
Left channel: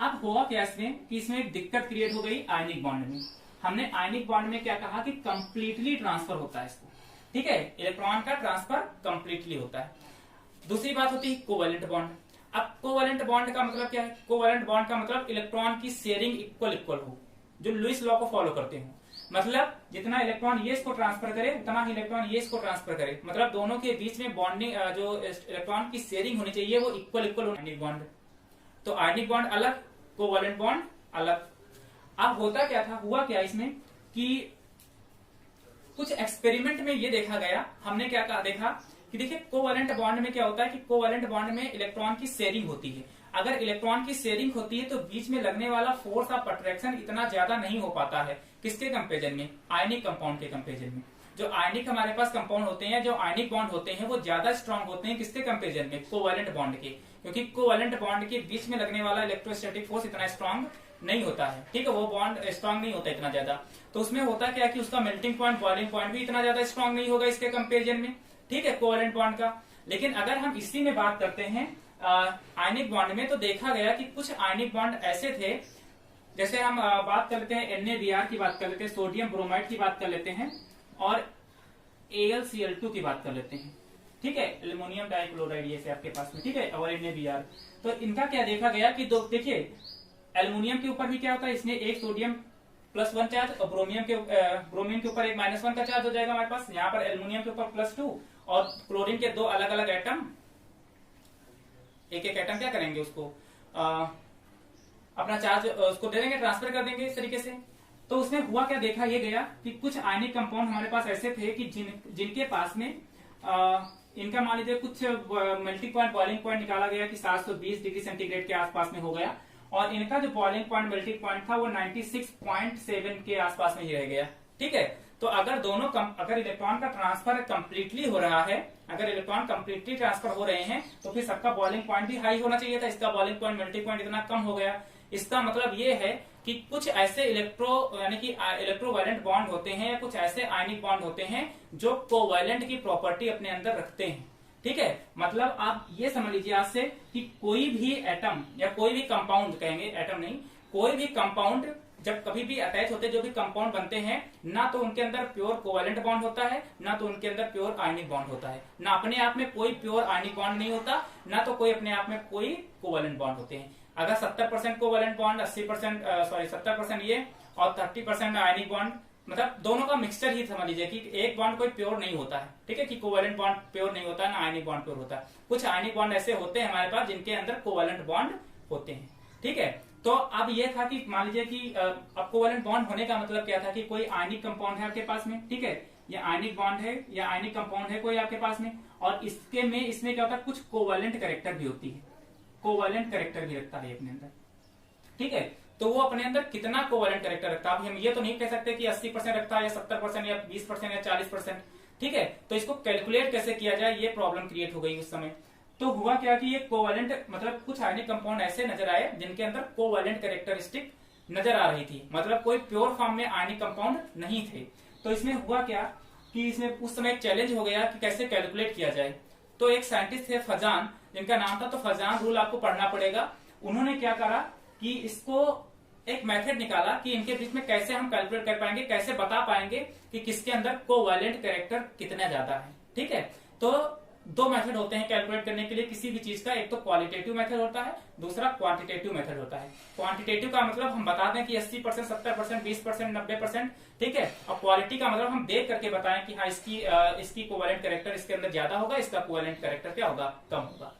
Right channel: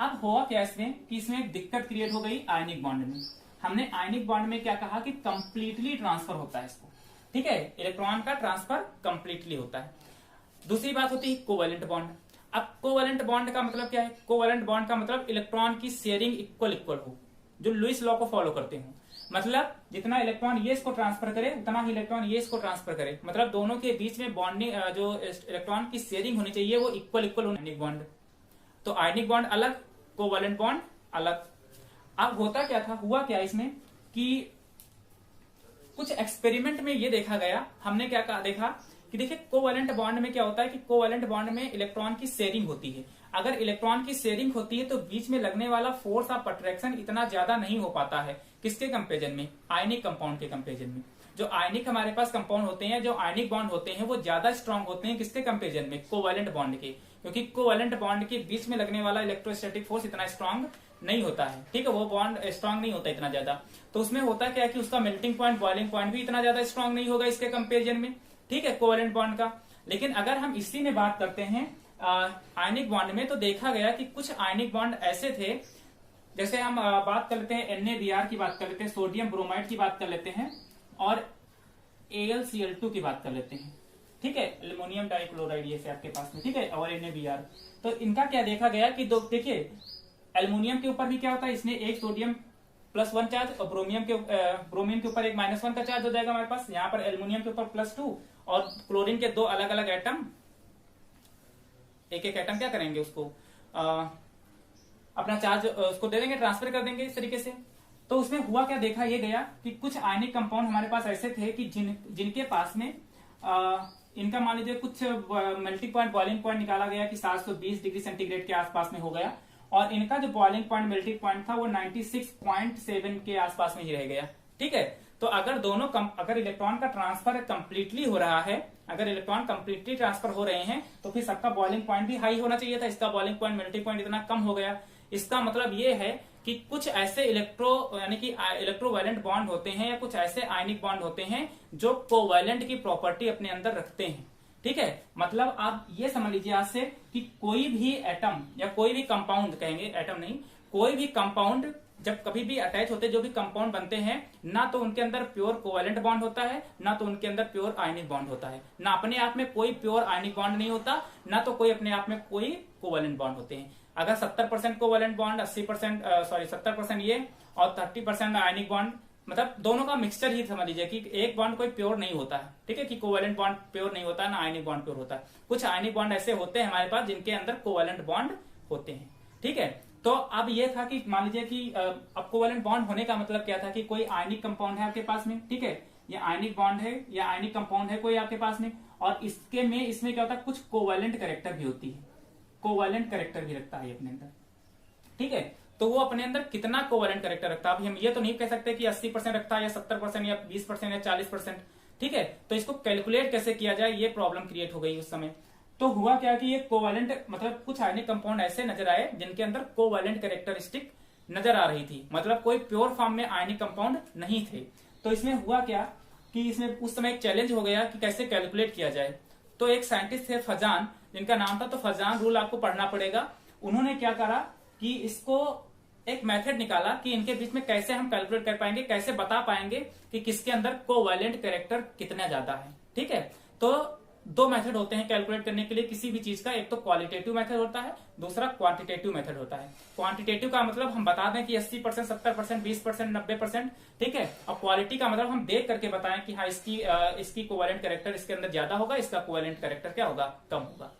अब हुआ क्या इसमें कि इसमें एक दिक्कत क्रिएट हो गई आयनिक बॉन्ड में। हमने आयनिक बॉन्ड में क्या कहा कि कंप्लीटली ट्रांसफर होता है इसको, ठीक है। इलेक्ट्रॉन का ट्रांसफर कंप्लीटली होता है। दूसरी बात होती है कोवेलेंट बॉन्ड। अब कोवेलेंट बॉन्ड का मतलब क्या है, कोवेलेंट बॉन्ड का मतलब इलेक्ट्रॉन की शेयरिंग इक्वल हो, जो लुईस लॉ को फॉलो करते हो। मतलब जितना इलेक्ट्रॉन ये इसको ट्रांसफर करे उतना ही इलेक्ट्रॉन ये इसको ट्रांसफर करे, मतलब दोनों के बीच में बॉन्डिंग जो इलेक्ट्रॉन की शेयरिंग होनी चाहिए वो इक्वल होनी। आयनिक बॉन्ड तो आयनिक बॉन्ड अलग, कोवेलेंट बॉन्ड अलग। अब होता क्या था, हुआ क्या इसमें कि कुछ एक्सपेरिमेंट में ये देखा गया, हमने क्या देखा कि देखिए कोवेलेंट बॉन्ड में क्या होता है कि कोवेलेंट बॉन्ड में इलेक्ट्रॉन की शेयरिंग होती है। अगर इलेक्ट्रॉन की शेयरिंग होती है तो बीच में लगने वाला फोर्स ऑफ अट्रैक्शन इतना ज्यादा नहीं हो पाता है, किसके कंपेरिजन में, आयनिक कंपाउंड के कंपेरिजन में। जो आयनिक हमारे पास कंपाउंड होते हैं, जो आयनिक बॉन्ड होते हैं, वो ज्यादा स्ट्रांग होते हैं किसके कंपेरिजन में, कोवेलेंट बॉन्ड के। क्योंकि कोवेलेंट बॉन्ड के बीच में लगने वाला इलेक्ट्रोस्टैटिक फोर्स इतना स्ट्रांग नहीं होता है, ठीक है। वो बॉन्ड स्ट्रांग नहीं होता इतना ज्यादा। तो उसमें होता क्या कि उसका मेल्टिंग पॉइंट, बॉइलिंग पॉइंट भी इतना ज्यादा स्ट्रांग नहीं होगा इसके कंपेरिजन में, ठीक है, कोवेलेंट बॉन्ड का। लेकिन अगर हम इसी में बात करते हैं आयनिक बॉन्ड में, तो देखा गया कि कुछ आयनिक बॉन्ड ऐसे थे, जैसे हम बात कर लेते हैं NaBr की बात कर लेते हैं, सोडियम ब्रोमाइड की बात कर लेते हैं, और AlCl2 की बात कर लेते हैं, ठीक है, एल्युमिनियम डाइक्लोराइड ये से आपके पास में, ठीक है, और NaBr। तो इनका क्या देखा गया कि दो, देखिए एल्युमिनियम के ऊपर भी क्या होता है, इसमें एक सोडियम +1 चार्ज, और ब्रोमीन के ऊपर एक -1 का चार्ज हो जाएगा हमारे पास। यहाँ पर एल्युमिनियम के ऊपर +2, और क्लोरीन के दो अलग अलग एटम, एक एक एटम क्या करेंगे उसको अपना चार्ज उसको दे देंगे, ट्रांसफर कर देंगे इस तरीके से। तो उसमें हुआ क्या, देखा ये गया कि कुछ आयनिक कंपाउंड हमारे पास ऐसे थे कि जिनके पास में इनका मान लीजिए कुछ मेल्टिंग पॉइंट, बॉइलिंग पॉइंट निकाला गया कि 720 डिग्री सेंटीग्रेड के आसपास में हो गया, और इनका जो बॉइलिंग पॉइंट, मेल्टिंग पॉइंट था वो 96.7 के आसपास में ही रह गया, ठीक है। तो अगर दोनों अगर इलेक्ट्रॉन का ट्रांसफर कंप्लीटली हो रहा है, अगर इलेक्ट्रॉन कंप्लीटली ट्रांसफर हो रहे हैं, तो फिर सबका बॉइलिंग पॉइंट भी हाई होना चाहिए था। इसका बॉइलिंग पॉइंट, मेल्टिंग पॉइंट इतना कम हो गया। इसका मतलब ये है कि कुछ ऐसे यानी कि इलेक्ट्रोवैलेंट बॉन्ड होते हैं, या कुछ ऐसे आयनिक बॉन्ड होते हैं जो कोवैलेंट की प्रॉपर्टी अपने अंदर रखते हैं, ठीक है। मतलब आप ये समझ लीजिए आज से कि कोई भी एटम या कोई भी कंपाउंड, कहेंगे एटम नहीं, कोई भी कंपाउंड जब कभी भी अटैच होते जो भी कंपाउंड बनते हैं, ना तो उनके अंदर प्योर कोवेलेंट बॉन्ड होता है, ना तो उनके अंदर प्योर आयनिक बॉन्ड होता है। ना अपने आप में कोई प्योर आयनिक बॉन्ड नहीं होता, ना तो कोई अपने आप में कोई कोवेलेंट बॉन्ड होते हैं। अगर 70% कोवेलेंट बॉन्ड, 70% ये और 30% आयनिक बॉन्ड, मतलब दोनों का मिक्सचर ही समझ लीजिए कि एक बॉन्ड कोई प्योर नहीं होता है। ठीक है, कि कोवेलेंट बॉन्ड प्योर नहीं होता है, ना आयनिक बॉन्ड प्योर होता है। कुछ आयनिक बॉन्ड ऐसे होते हैं हमारे पास जिनके अंदर कोवेलेंट बॉन्ड होते हैं। ठीक है, तो अब ये था कि मान लीजिए कि अब कोवेलेंट बॉन्ड होने का मतलब क्या था कि कोई आयनिक कंपाउंड है आपके पास में, ठीक है, ये आयनिक बॉन्ड है या आयनिक कंपाउंड है कोई आपके पास में, और इसमें क्या होता है, कुछ कोवेलेंट कैरेक्टर भी होती है, कोवेलेंट कैरेक्टर भी रखता है अपने अंदर। ठीक है, तो वो अपने अंदर कितना कोवेलेंट कैरेक्टर रखता है, हम ये तो नहीं कह सकते कि 80% रखता है या 70% या 20% या 40%। ठीक है, तो इसको कैलकुलेट कैसे किया जाए, ये प्रॉब्लम क्रिएट हो गई उस समय। तो हुआ क्या कि ये कोवेलेंट मतलब कुछ आयनिक कंपाउंड ऐसे नजर आए जिनके अंदर कोवेलेंट कैरेक्टरिस्टिक नजर आ रही थी, मतलब कोई प्योर फॉर्म में आयनिक कंपाउंड नहीं थे। तो इसमें हुआ क्या कि इसमें उस समय एक चैलेंज हो गया कि कैसे कैलकुलेट किया जाए। तो एक साइंटिस्ट थे फजान, जिनका नाम था, तो फजान रूल आपको पढ़ना पड़ेगा। उन्होंने क्या करा कि इसको एक मेथड निकाला कि इनके बीच में कैसे हम कैलकुलेट कर पाएंगे, कैसे बता पाएंगे कि किसके अंदर कोवेलेंट कैरेक्टर कितना ज्यादा है। ठीक है, तो दो मेथड होते हैं कैलकुलेट करने के लिए किसी भी चीज का, एक तो क्वालिटेटिव मेथड होता है, दूसरा क्वांटिटेटिव मेथड होता है। क्वांटिटेटिव का मतलब हम बता दें कि 80%, 70%, 20%, 90%। ठीक है, और क्वालिटी का मतलब हम देख करके बताएं कि हाँ इसकी कोवेलेंट कैरेक्टर इसके अंदर ज्यादा होगा, इसका कोवेलेंट कैरेक्टर क्या होगा, कम होगा।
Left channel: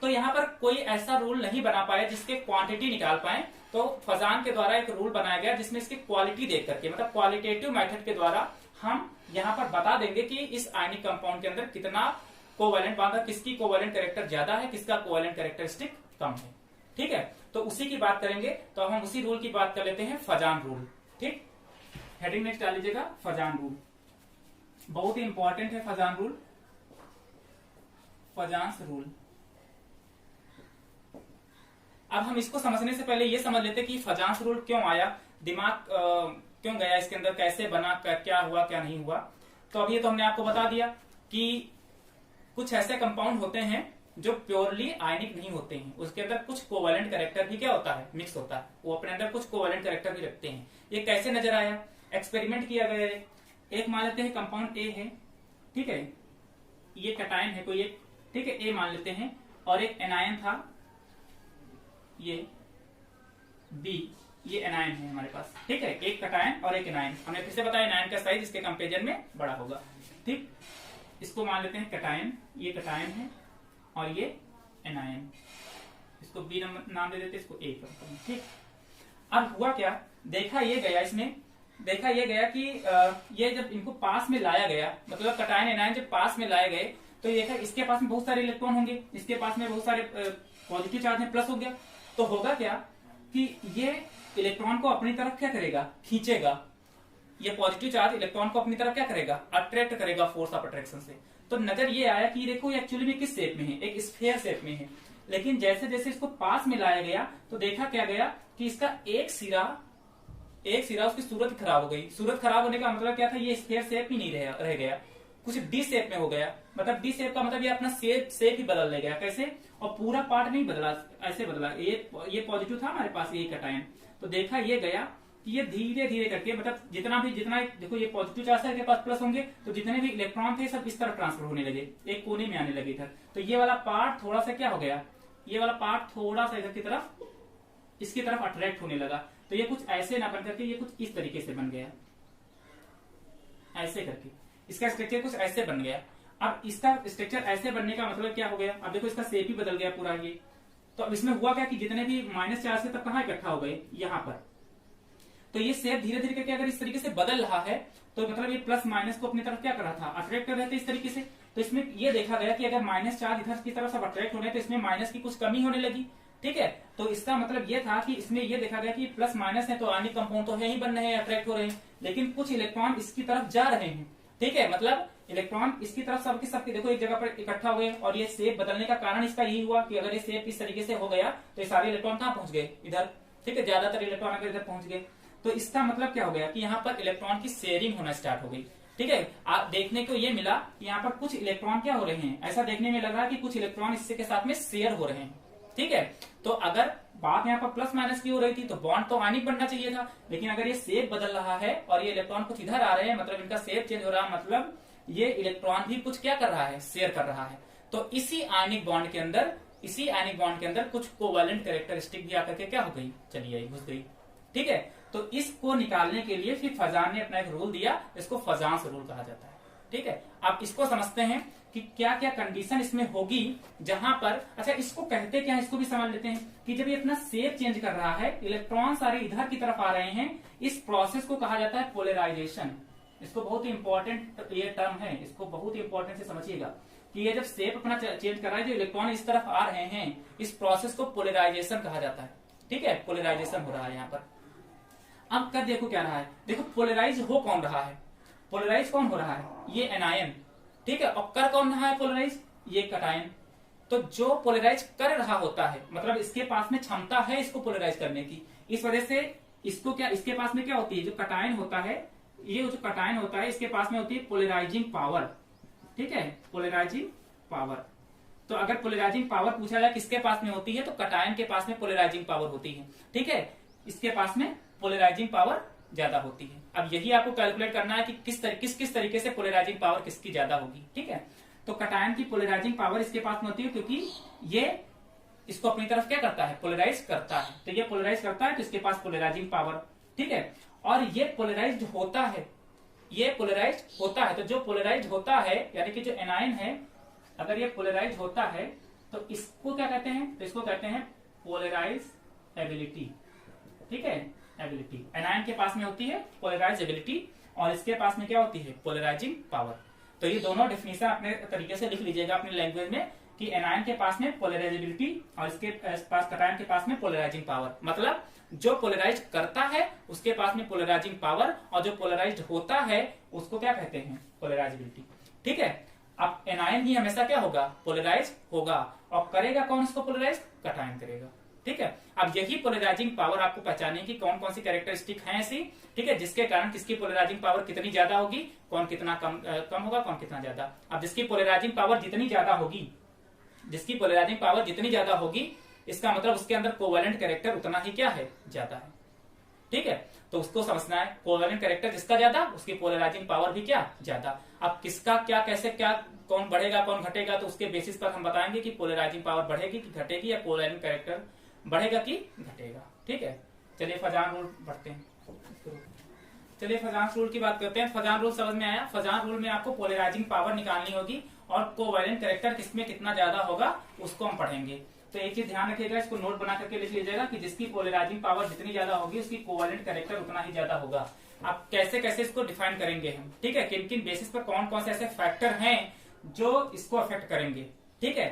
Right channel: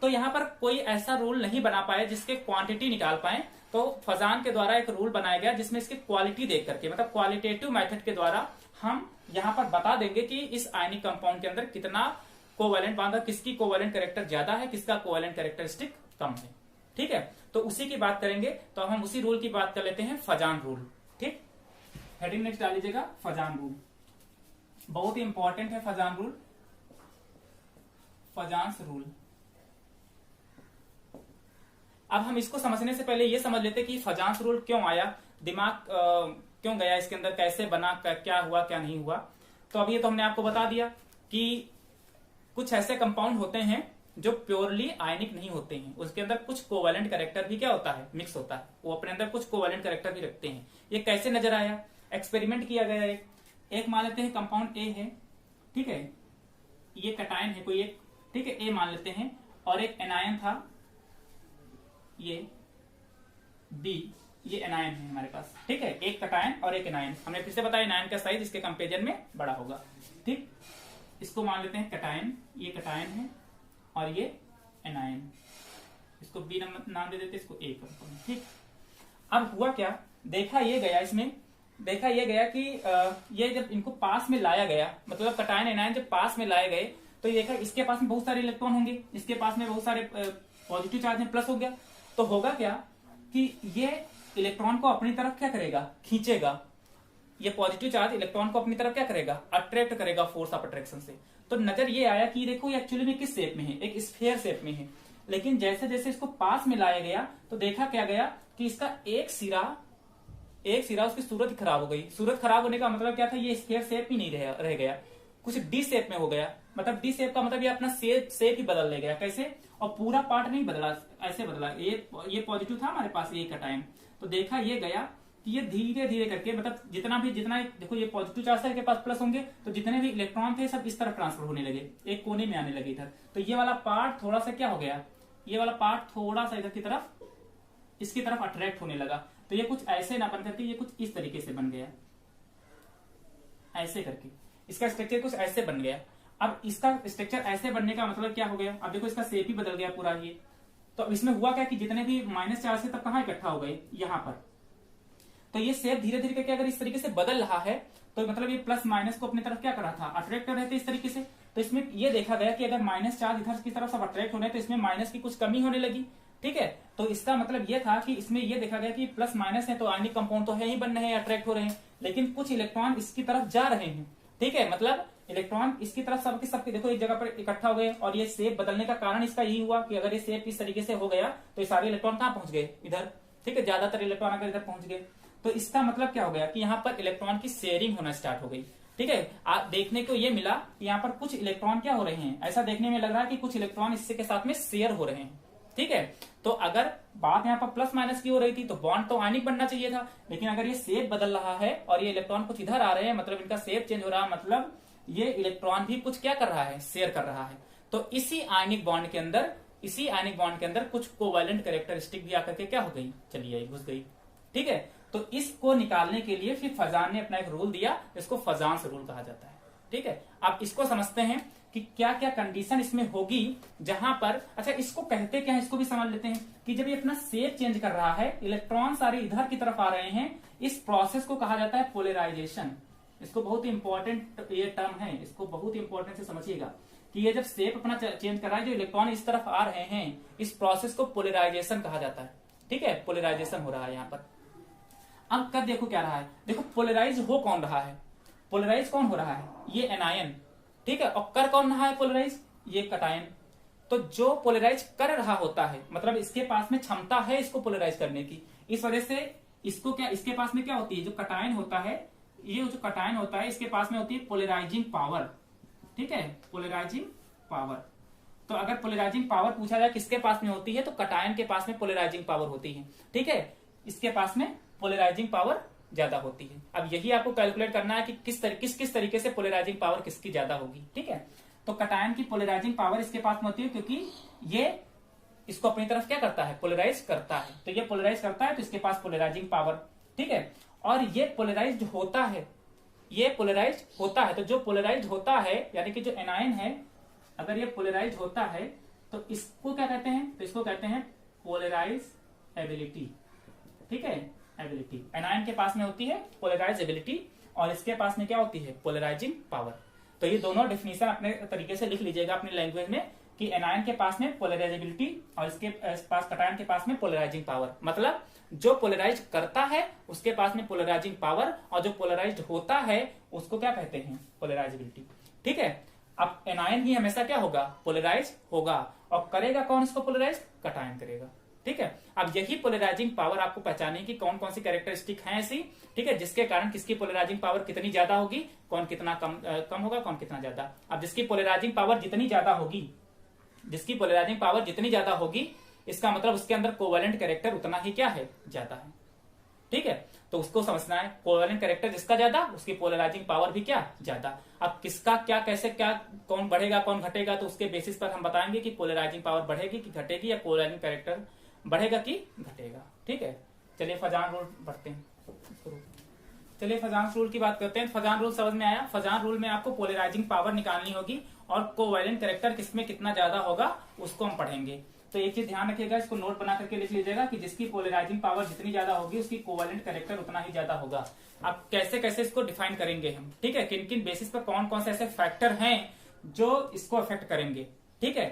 तो यहाँ पर कोई ऐसा रूल नहीं बना पाए जिसके क्वांटिटी निकाल पाए। तो फजान के द्वारा एक रूल बनाया गया जिसमें इसकी क्वालिटी देख करके, मतलब क्वालिटेटिव मेथड के द्वारा हम यहाँ पर बता देंगे कि इस आयनिक कंपाउंड के अंदर कितना कोवेलेंट बॉन्ड है, किसकी कोवेलेंट कैरेक्टर ज्यादा है, किसका कोवेलेंट कैरेक्टरिस्टिक कम है। ठीक है, तो उसी की बात करेंगे। तो हम उसी रूल की बात कर लेते हैं, फजान रूल। ठीक, हेडिंग में डाल लीजिएगा फजान रूल, बहुत ही इंपॉर्टेंट है फजान रूल, फजान्स रूल। अब हम इसको समझने से पहले ये समझ लेते कि फजान्स रूल क्यों आया, दिमाग क्यों गया इसके अंदर, कैसे बना, क्या हुआ क्या नहीं हुआ। तो अभी तो हमने आपको बता दिया कि कुछ ऐसे कंपाउंड होते हैं जो प्योरली आयनिक नहीं होते हैं, उसके अंदर कुछ कोवेलेंट कैरेक्टर भी क्या होता है, मिक्स होता है, वो अपने अंदर कुछ कोवेलेंट कैरेक्टर भी रखते हैं। ये कैसे नजर आया, एक्सपेरिमेंट किया गया है। एक मान लेते हैं कंपाउंड ए है, ठीक है, ये कैटायन है कोई एक, ठीक है, ए मान लेते हैं, और एक एनायन था ये बी, ये एनायन है हमारे पास। ठीक है, एक कैटायन और एक एनायन। हमने फिर से बताया एनायन का साइज इसके कंपेरिजन में बड़ा होगा। ठीक, इसको मान लेते हैं कैटायन, ये कैटायन है और ये एनायन, इसको बी नाम दे देते, इसको ए करते हैं। ठीक, अब हुआ क्या, देखा ये गया कि ये जब इनको पास में लाया गया, मतलब कैटायन एनायन जब पास में लाए गए तो ये देखा इसके पास में बहुत सारे इलेक्ट्रॉन होंगे, इसके पास में बहुत सारे पॉजिटिव चार्ज में प्लस हो गया। तो होगा क्या कि ये इलेक्ट्रॉन को अपनी तरफ क्या करेगा, खींचेगा। ये पॉजिटिव चार्ज इलेक्ट्रॉन को अपनी तरफ क्या करेगा, अट्रैक्ट करेगा फोर्स ऑफ अट्रैक्शन से। तो नजर ये आया कि देखो ये एक्चुअली में किस शेप में है, एक स्फीयर शेप में है। लेकिन जैसे जैसे इसको पास में लाया गया तो देखा क्या गया कि इसका एक सिरा उसकी सूरत खराब हो गई। सूरत खराब होने का मतलब क्या था, ये स्फीयर शेप ही नहीं रह गया, कुछ डी शेप में हो गया। मतलब डी शेप का मतलब ये अपना शेप ही बदल ले गया। कैसे, और पूरा पार्ट नहीं बदला, ऐसे बदला। ये पॉजिटिव था हमारे पास, ये कैटायन, तो देखा ये गया कि ये धीरे धीरे करके, मतलब जितना देखो ये पॉजिटिव चार्ज के पास प्लस होंगे तो जितने भी इलेक्ट्रॉन थे सब इस तरफ ट्रांसफर होने लगे, एक कोने में आने लगे इधर। तो ये वाला पार्ट थोड़ा सा क्या हो गया, ये वाला पार्ट थोड़ा सा इधर की तरफ, इसकी तरफ अट्रैक्ट होने लगा। तो ये कुछ ऐसे ना बन करके ये कुछ इस तरीके से बन गया, ऐसे करके इसका स्ट्रक्चर कुछ ऐसे बन गया। अब इसका स्ट्रक्चर ऐसे बनने का मतलब क्या हो गया, अब देखो इसका शेप ही बदल गया पूरा ये। तो अब इसमें हुआ क्या कि जितने भी माइनस चार्ज थे तब कहाँ इकट्ठा हो गए, यहाँ पर। तो ये शेप धीरे धीरे करके अगर इस तरीके से बदल रहा है तो मतलब ये प्लस माइनस को अपनी तरफ क्या कर रहा था, अट्रैक्ट कर रहे थे इस तरीके से। तो इसमें ये देखा गया कि अगर माइनस चार्ज इधर की तरफ सब अट्रैक्ट होने तो इसमें माइनस की कुछ कमी होने लगी। ठीक है, तो इसका मतलब ये था कि इसमें ये देखा गया कि प्लस माइनस है तो आयनिक कंपाउंड तो है ही बन रहे हैं, अट्रैक्ट हो रहे हैं, लेकिन कुछ इलेक्ट्रॉन इसकी तरफ जा रहे हैं। ठीक है, मतलब इलेक्ट्रॉन इसकी तरफ सबके देखो एक जगह पर इकट्ठा हो गए, और ये शेप बदलने का कारण इसका यही हुआ कि अगर ये शेप इस तरीके से हो गया तो ये सारे इलेक्ट्रॉन कहाँ पहुंच गए, इधर। ठीक है, ज्यादातर इलेक्ट्रॉन अगर इधर पहुंच गए तो इसका मतलब क्या हो गया कि यहाँ पर इलेक्ट्रॉन की शेयरिंग होना स्टार्ट हो गई। ठीक है, आप देखने को ये मिला कि यहाँ पर कुछ इलेक्ट्रॉन क्या हो रहे हैं, ऐसा देखने में लग रहा है कि कुछ इलेक्ट्रॉन इससे के साथ में शेयर हो रहे हैं। ठीक है। तो अगर बात यहाँ पर प्लस माइनस की हो रही थी तो बॉन्ड तो आयनिक बनना चाहिए था, लेकिन अगर ये शेप बदल रहा है और ये इलेक्ट्रॉन कुछ इधर आ रहे हैं, मतलब इनका शेप चेंज हो रहा है, मतलब ये इलेक्ट्रॉन भी कुछ क्या कर रहा है, शेयर कर रहा है। तो इसी आयनिक बॉन्ड के अंदर कुछ कोवैलेंट कैरेक्टरिस्टिक भी आकर के क्या हो गई, चली आई, घुस गई। ठीक है। तो इसको निकालने के लिए फिर फजान ने अपना एक रूल दिया, इसको फजांस रूल कहा जाता है। ठीक है। अब इसको समझते हैं कि क्या क्या कंडीशन इसमें होगी जहां पर, अच्छा इसको कहते क्या है, इसको भी समझ लेते हैं कि जब ये अपना शेप चेंज कर रहा है, इलेक्ट्रॉन सारे इधर की तरफ आ रहे हैं, इस प्रोसेस को कहा जाता है पोलराइजेशन। इसको बहुत ही इंपॉर्टेंट ये टर्म है, इसको बहुत ही इंपॉर्टेंट से समझिएगा कि ये जब शेप अपना चेंज कर रहा है, जो इलेक्ट्रॉन इस तरफ आ रहे हैं, इस प्रोसेस को पोलराइजेशन कहा जाता है। ठीक है, पोलराइजेशन हो रहा है यहाँ पर। अब कर देखो क्या रहा है, देखो पोलराइज हो कौन रहा है, पोलराइज कौन हो रहा है, ये एनायन। ठीक है, और कर कौन रहा है पोलराइज, ये कटायन। तो जो पोलराइज कर रहा होता है, मतलब इसके पास में क्षमता है इसको पोलराइज करने की, इस वजह से इसको क्या, इसके पास में क्या होती है, जो कटायन होता है, ये जो कटायन होता है इसके पास में होती है पोलराइजिंग पावर। ठीक है, पोलराइजिंग पावर। तो अगर पोलराइजिंग पावर पूछा जाए किसके पास में होती है, तो कटायन के पास में पोलराइजिंग पावर होती है। ठीक है, इसके पास में पोलराइजिंग पावर ज्यादा होती है। अब यही आपको कैलकुलेट करना है कि किस तरीके से पोलराइजिंग पावर किसकी ज्यादा होगी। ठीक है, तो कटायन की पोलराइजिंग पावर इसके पास में होती है, क्योंकि ये इसको अपनी तरफ क्या करता है, पोलराइज करता है। तो ये पोलराइज करता है तो इसके पास पोलराइजिंग पावर। ठीक है, और ये पोलराइज होता है, ये पोलराइज होता है। तो जो पोलराइज होता है, यानी कि जो एनायन है, अगर ये पोलराइज होता है तो इसको क्या कहते हैं, तो इसको कहते हैं पोलराइज एबिलिटी। ठीक है, एबिलिटी एनायन के पास में होती है पोलराइज एबिलिटी, और इसके पास में क्या होती है, पोलराइजिंग पावर। तो ये दोनों डेफिनेशन अपने तरीके से लिख लीजिएगा अपनी लैंग्वेज में कि एनायन के पास में पोलराइजेबिलिटी और इसके पास कटायन के पास में पोलराइजिंग पावर। मतलब जो पोलराइज करता है उसके पास में पोलराइजिंग पावर, और जो पोलराइज्ड होता है उसको क्या कहते हैं, पोलराइजेबिलिटी। ठीक है, अब एनायन ही हमेशा क्या होगा, पोलराइज होगा, और करेगा कौन इसको पोलराइज, कटायन करेगा। ठीक है, अब यही पोलराइजिंग पावर आपको पहचानिए कि कौन कौन सी कैरेक्टरिस्टिक है ऐसी। ठीक है, जिसके कारण किसकी पोलराइजिंग पावर कितनी ज्यादा होगी, कौन कितना कम होगा, कौन कितना ज्यादा। अब जिसकी पोलराइजिंग पावर जितनी ज्यादा होगी, जिसकी पोलराइजिंग पावर जितनी ज्यादा होगी, इसका मतलब उसके अंदर कोवैलेंट कैरेक्टर उतना ही क्या है, ज्यादा है। ठीक है, तो उसको समझना है, कोवैलेंट कैरेक्टर जिसका ज्यादा उसकी पोलराइजिंग पावर भी क्या, ज्यादा। अब किसका क्या, कैसे क्या, कौन बढ़ेगा कौन घटेगा, तो उसके बेसिस पर हम बताएंगे कि पोलराइजिंग पावर बढ़ेगी कि घटेगी, या कोवैलेंट कैरेक्टर बढ़ेगा कि घटेगा। ठीक है, चलिए फजान रूल बढ़ते हैं। चलिए फजान रूल की बात करते हैं। फजान रूल समझ में आया। फजान रूल में आपको पोलराइजिंग पावर निकालनी होगी और कोवैलेंट कैरेक्टर किसमें कितना ज्यादा होगा उसको हम पढ़ेंगे। तो एक चीज ध्यान रखिएगा, इसको नोट बना करके लिख लीजिएगा कि जिसकी पोलराइजिंग पावर जितनी ज्यादा होगी उसकी कोवैलेंट कैरेक्टर उतना ही ज्यादा होगा। अब कैसे कैसे इसको डिफाइन करेंगे हम, ठीक है, किन किन बेसिस पर कौन कौन से ऐसे फैक्टर हैं जो इसको अफेक्ट करेंगे। ठीक है,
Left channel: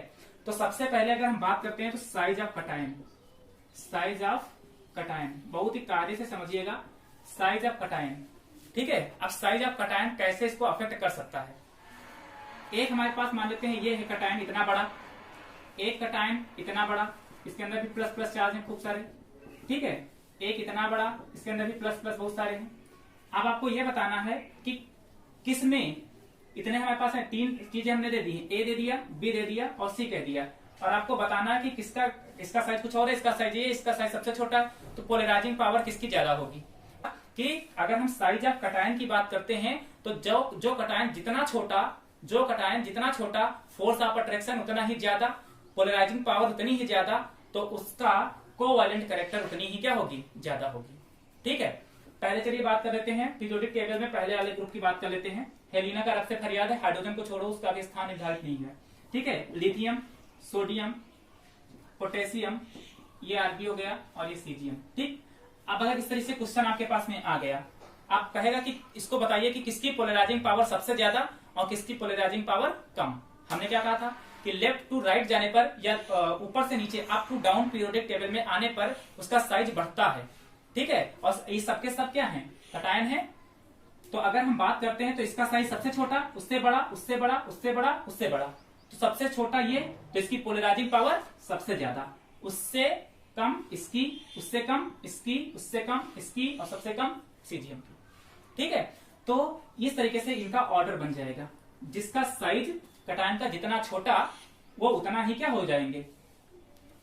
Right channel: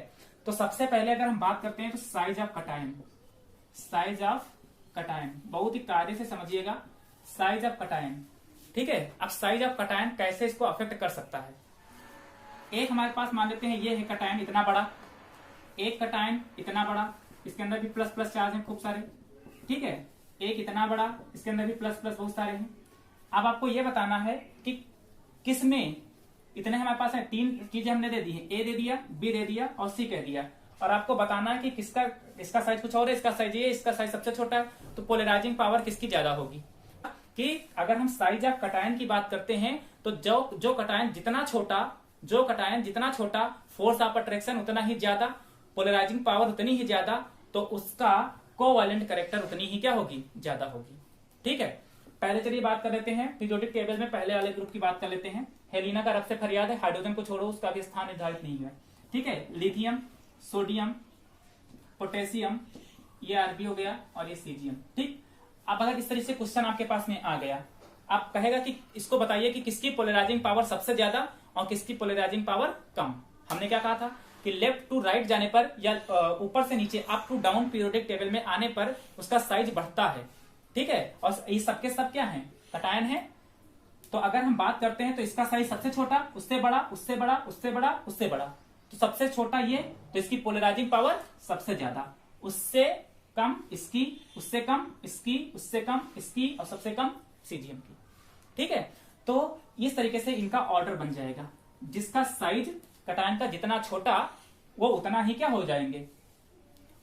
तो सबसे पहले अगर हम बात करते हैं तो size of cation, size of cation बहुत ही कार्य से समझिएगा, साइज ऑफ कटायन। ठीक है, अब साइज ऑफ कटायन कैसे इसको अफेक्ट कर सकता है। एक हमारे पास मान लेते हैं ये है कटायन इतना बड़ा, एक कटायन इतना बड़ा, इसके अंदर भी प्लस प्लस चार्ज है खूब सारे। ठीक है, एक इतना बड़ा, इसके अंदर भी प्लस प्लस बहुत सारे हैं। अब आपको ये बताना है कि किसमें इतने हमारे पास है, तीन चीजें हमने दे दी है, ए दे दिया, बी दे दिया और सी कह दिया, और आपको बताना है कि किसका, इसका साइज कुछ और है, इसका साइज ये, इसका साइज सबसे छोटा है, तो पोलराइजिंग पावर किसकी ज्यादा होगी। कि अगर हम साइज ऑफ कटायन की बात करते हैं तो जो कटायन जितना छोटा, फोर्स ऑफ अट्रैक्शन उतना ही ज्यादा, पोलराइजिंग पावर उतनी ही ज्यादा, तो उसका कोवैलेंट कैरेक्टर उतनी ही क्या होगी, ज्यादा होगी। ठीक है, पहले चलिए बात कर लेते हैं पीरियोडिक टेबल में पहले वाले ग्रुप की बात कर लेते हैं। हेलिना का रफ से फरियाद है, हाइड्रोजन को छोड़ो, उसका भी स्थान निर्धारित नहीं है। ठीक है, लिथियम, सोडियम, पोटेशियम, ये आरबी हो गया और ये सीजियम। ठीक, अब अगर इस तरह से क्वेश्चन आपके पास में आ गया, आप कहेगा कि इसको बताइए कि किसकी पोलराइजिंग पावर सबसे ज्यादा और किसकी पोलराइजिंग पावर कम। हमने क्या कहा था कि लेफ्ट टू राइट जाने पर या ऊपर से नीचे up to down periodic table में आने पर उसका साइज बढ़ता है। ठीक है, और ये सबके सब क्या है, कटायन है। तो अगर हम बात करते हैं तो इसका साइज सबसे छोटा, उससे बड़ा, उससे बड़ा, उससे बड़ा, उससे बड़ा, तो सबसे छोटा ये, तो इसकी पोलराइजिंग पावर सबसे ज्यादा, उससे कम इसकी, उससे कम इसकी, उससे कम इसकी, और सबसे कम सीजियम की। ठीक है, तो इस तरीके से इनका ऑर्डर बन जाएगा, जिसका साइज कटायन का जितना छोटा वो उतना ही क्या हो जाएंगे,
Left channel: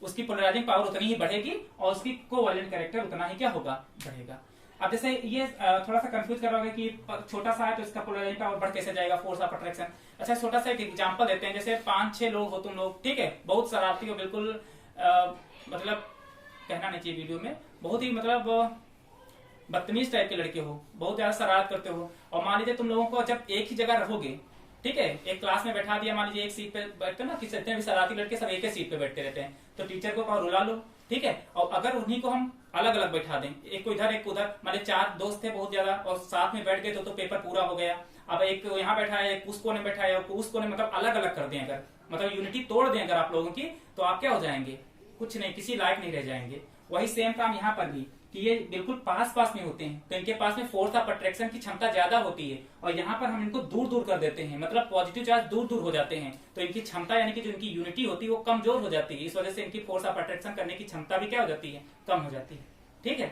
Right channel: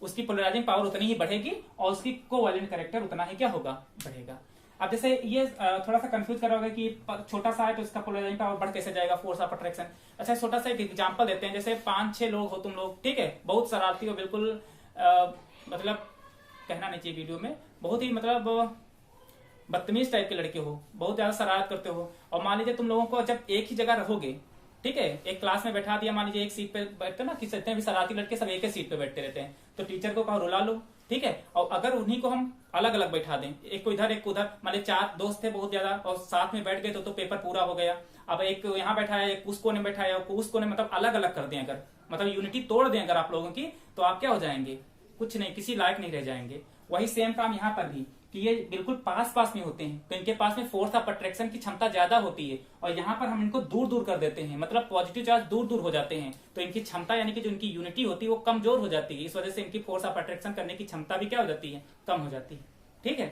उसकी पोलराइजिंग पावर उतनी ही बढ़ेगी और उसकी कोवैलेंट कैरेक्टर उतना ही क्या होगा, बढ़ेगा। अब जैसे ये थोड़ा सा कंफ्यूज कर रहा होगा कि छोटा सा है तो इसका पोलराइजिंग पावर बढ़ कैसे जाएगा, फोर्स ऑफ अट्रैक्शन। अच्छा छोटा सा एक एग्जांपल देते हैं, जैसे 5-6 लोग हो तुम लोग, ठीक है, बहुत शरारती हो, बिल्कुल मतलब कहना नहीं चाहिए वीडियो में, बहुत ही मतलब बदतमीज टाइप के लड़के हो, बहुत ज्यादा शरारत करते हो, और मान लीजिए तुम लोगों को जब एक ही जगह रहोगे, ठीक है, एक क्लास में बैठा दिया, मान लीजिए एक सीट पे बैठते ना, जितने भी शरारती लड़के सब एक ही सीट पे बैठते रहते हैं, तो टीचर को कहा रुला लो, ठीक है, और अगर उन्हीं को हम अलग अलग बैठा दें, एक को इधर एक को उधर, मान 4 दोस्त थे बहुत ज्यादा और साथ में बैठ गए तो पेपर पूरा हो गया। अब एक यहाँ बैठा है, एक उस कोने बैठा है, उस कोने, मतलब अलग अलग कर दें अगर, मतलब यूनिटी तोड़ दें अगर आप लोगों की, तो आप क्या हो जाएंगे, कुछ नहीं, किसी लायक नहीं रह जाएंगे। वही सेम काम यहाँ पर भी, कि ये बिल्कुल पास पास में होते हैं तो इनके पास में फोर्स ऑफ अट्रैक्शन की क्षमता ज्यादा होती है, और यहाँ पर हम इनको दूर दूर कर देते हैं, मतलब पॉजिटिव चार्ज दूर दूर हो जाते हैं, तो इनकी क्षमता यानी कि जो इनकी यूनिटी होती है वो कमजोर हो जाती है, इस वजह से इनकी फोर्स ऑफ अट्रैक्शन करने की क्षमता भी क्या हो जाती है, कम हो जाती है। ठीक है,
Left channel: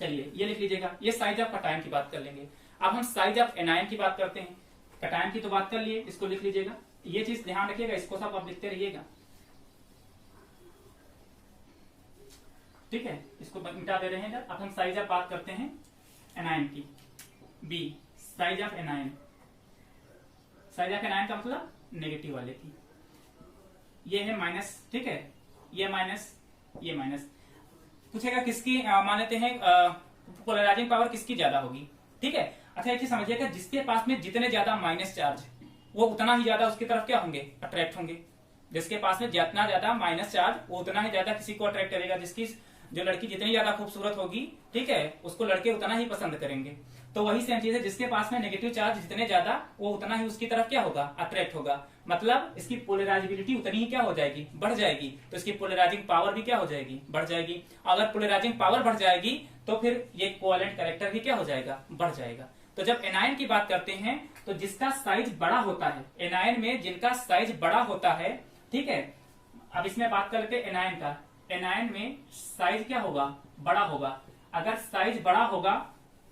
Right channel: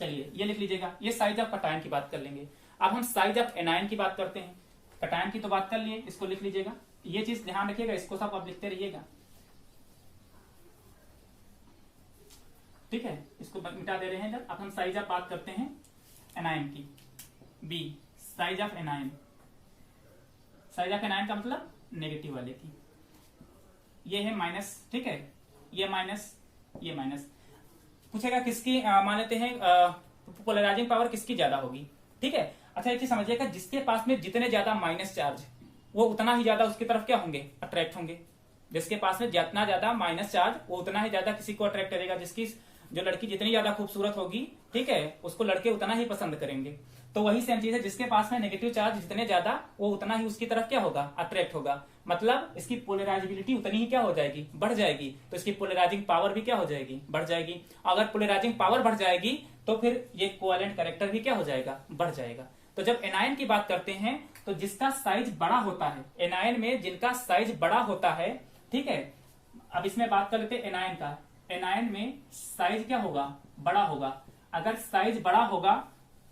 चलिए ये लिख लीजिएगा, ये साइज ऑफ कटायन की बात कर लेंगे। अब हम साइज ऑफ एनायन की बात करते हैं। कटायन की तो बात कर लिए, इसको लिख लीजिएगा, ये चीज ध्यान रखिएगा, इसको सब आप लिखते रहिएगा, ठीक है, इसको मिटा दे रहे हैं इधर। अब हम साइज ऑफ बात करते हैं एनायन की, be size of anion, size of anion का मतलब नेगेटिव वाले की, ये है माइनस, ठीक है, ये माइनस, ये माइनस, पूछेगा किसकी मान लेते हैं पोलराइजिंग पावर किसकी ज्यादा होगी, ठीक है। अच्छा एक चीज समझिएगा, जिसके पास में जितने ज्यादा माइनस चार्ज वो उतना ही ज्यादा उसकी तरफ क्या होंगे, अट्रैक्ट होंगे, जिसके पास में जितना ज्यादा माइनस चार्ज वो उतना ही ज्यादा किसी को अट्रैक्ट करेगा, जिसकी जो लड़की जितनी ज्यादा खूबसूरत होगी, ठीक है, उसको लड़के उतना ही पसंद करेंगे। तो वही सेम चीज है, जिसके पास में नेगेटिव चार्ज जितने ज्यादा वो उतना ही उसकी तरफ क्या होगा, अट्रैक्ट होगा, मतलब इसकी पोलराइजिबिलिटी उतनी ही क्या हो जाएगी, बढ़ जाएगी, तो इसकी पोलराइजिंग पावर भी क्या हो जाएगी, बढ़ जाएगी। अगर पोलराइजिंग पावर बढ़ जाएगी तो फिर ये कोवैलेंट कैरेक्टर भी क्या हो जाएगा, बढ़ जाएगा। तो जब एनायन की बात करते हैं तो जिसका साइज बड़ा होता है, एनायन में जिनका साइज बड़ा होता है, ठीक है, अब इसमें बात कर लेते हैं एनायन का, एनायन में साइज क्या होगा, बड़ा होगा। अगर साइज बड़ा होगा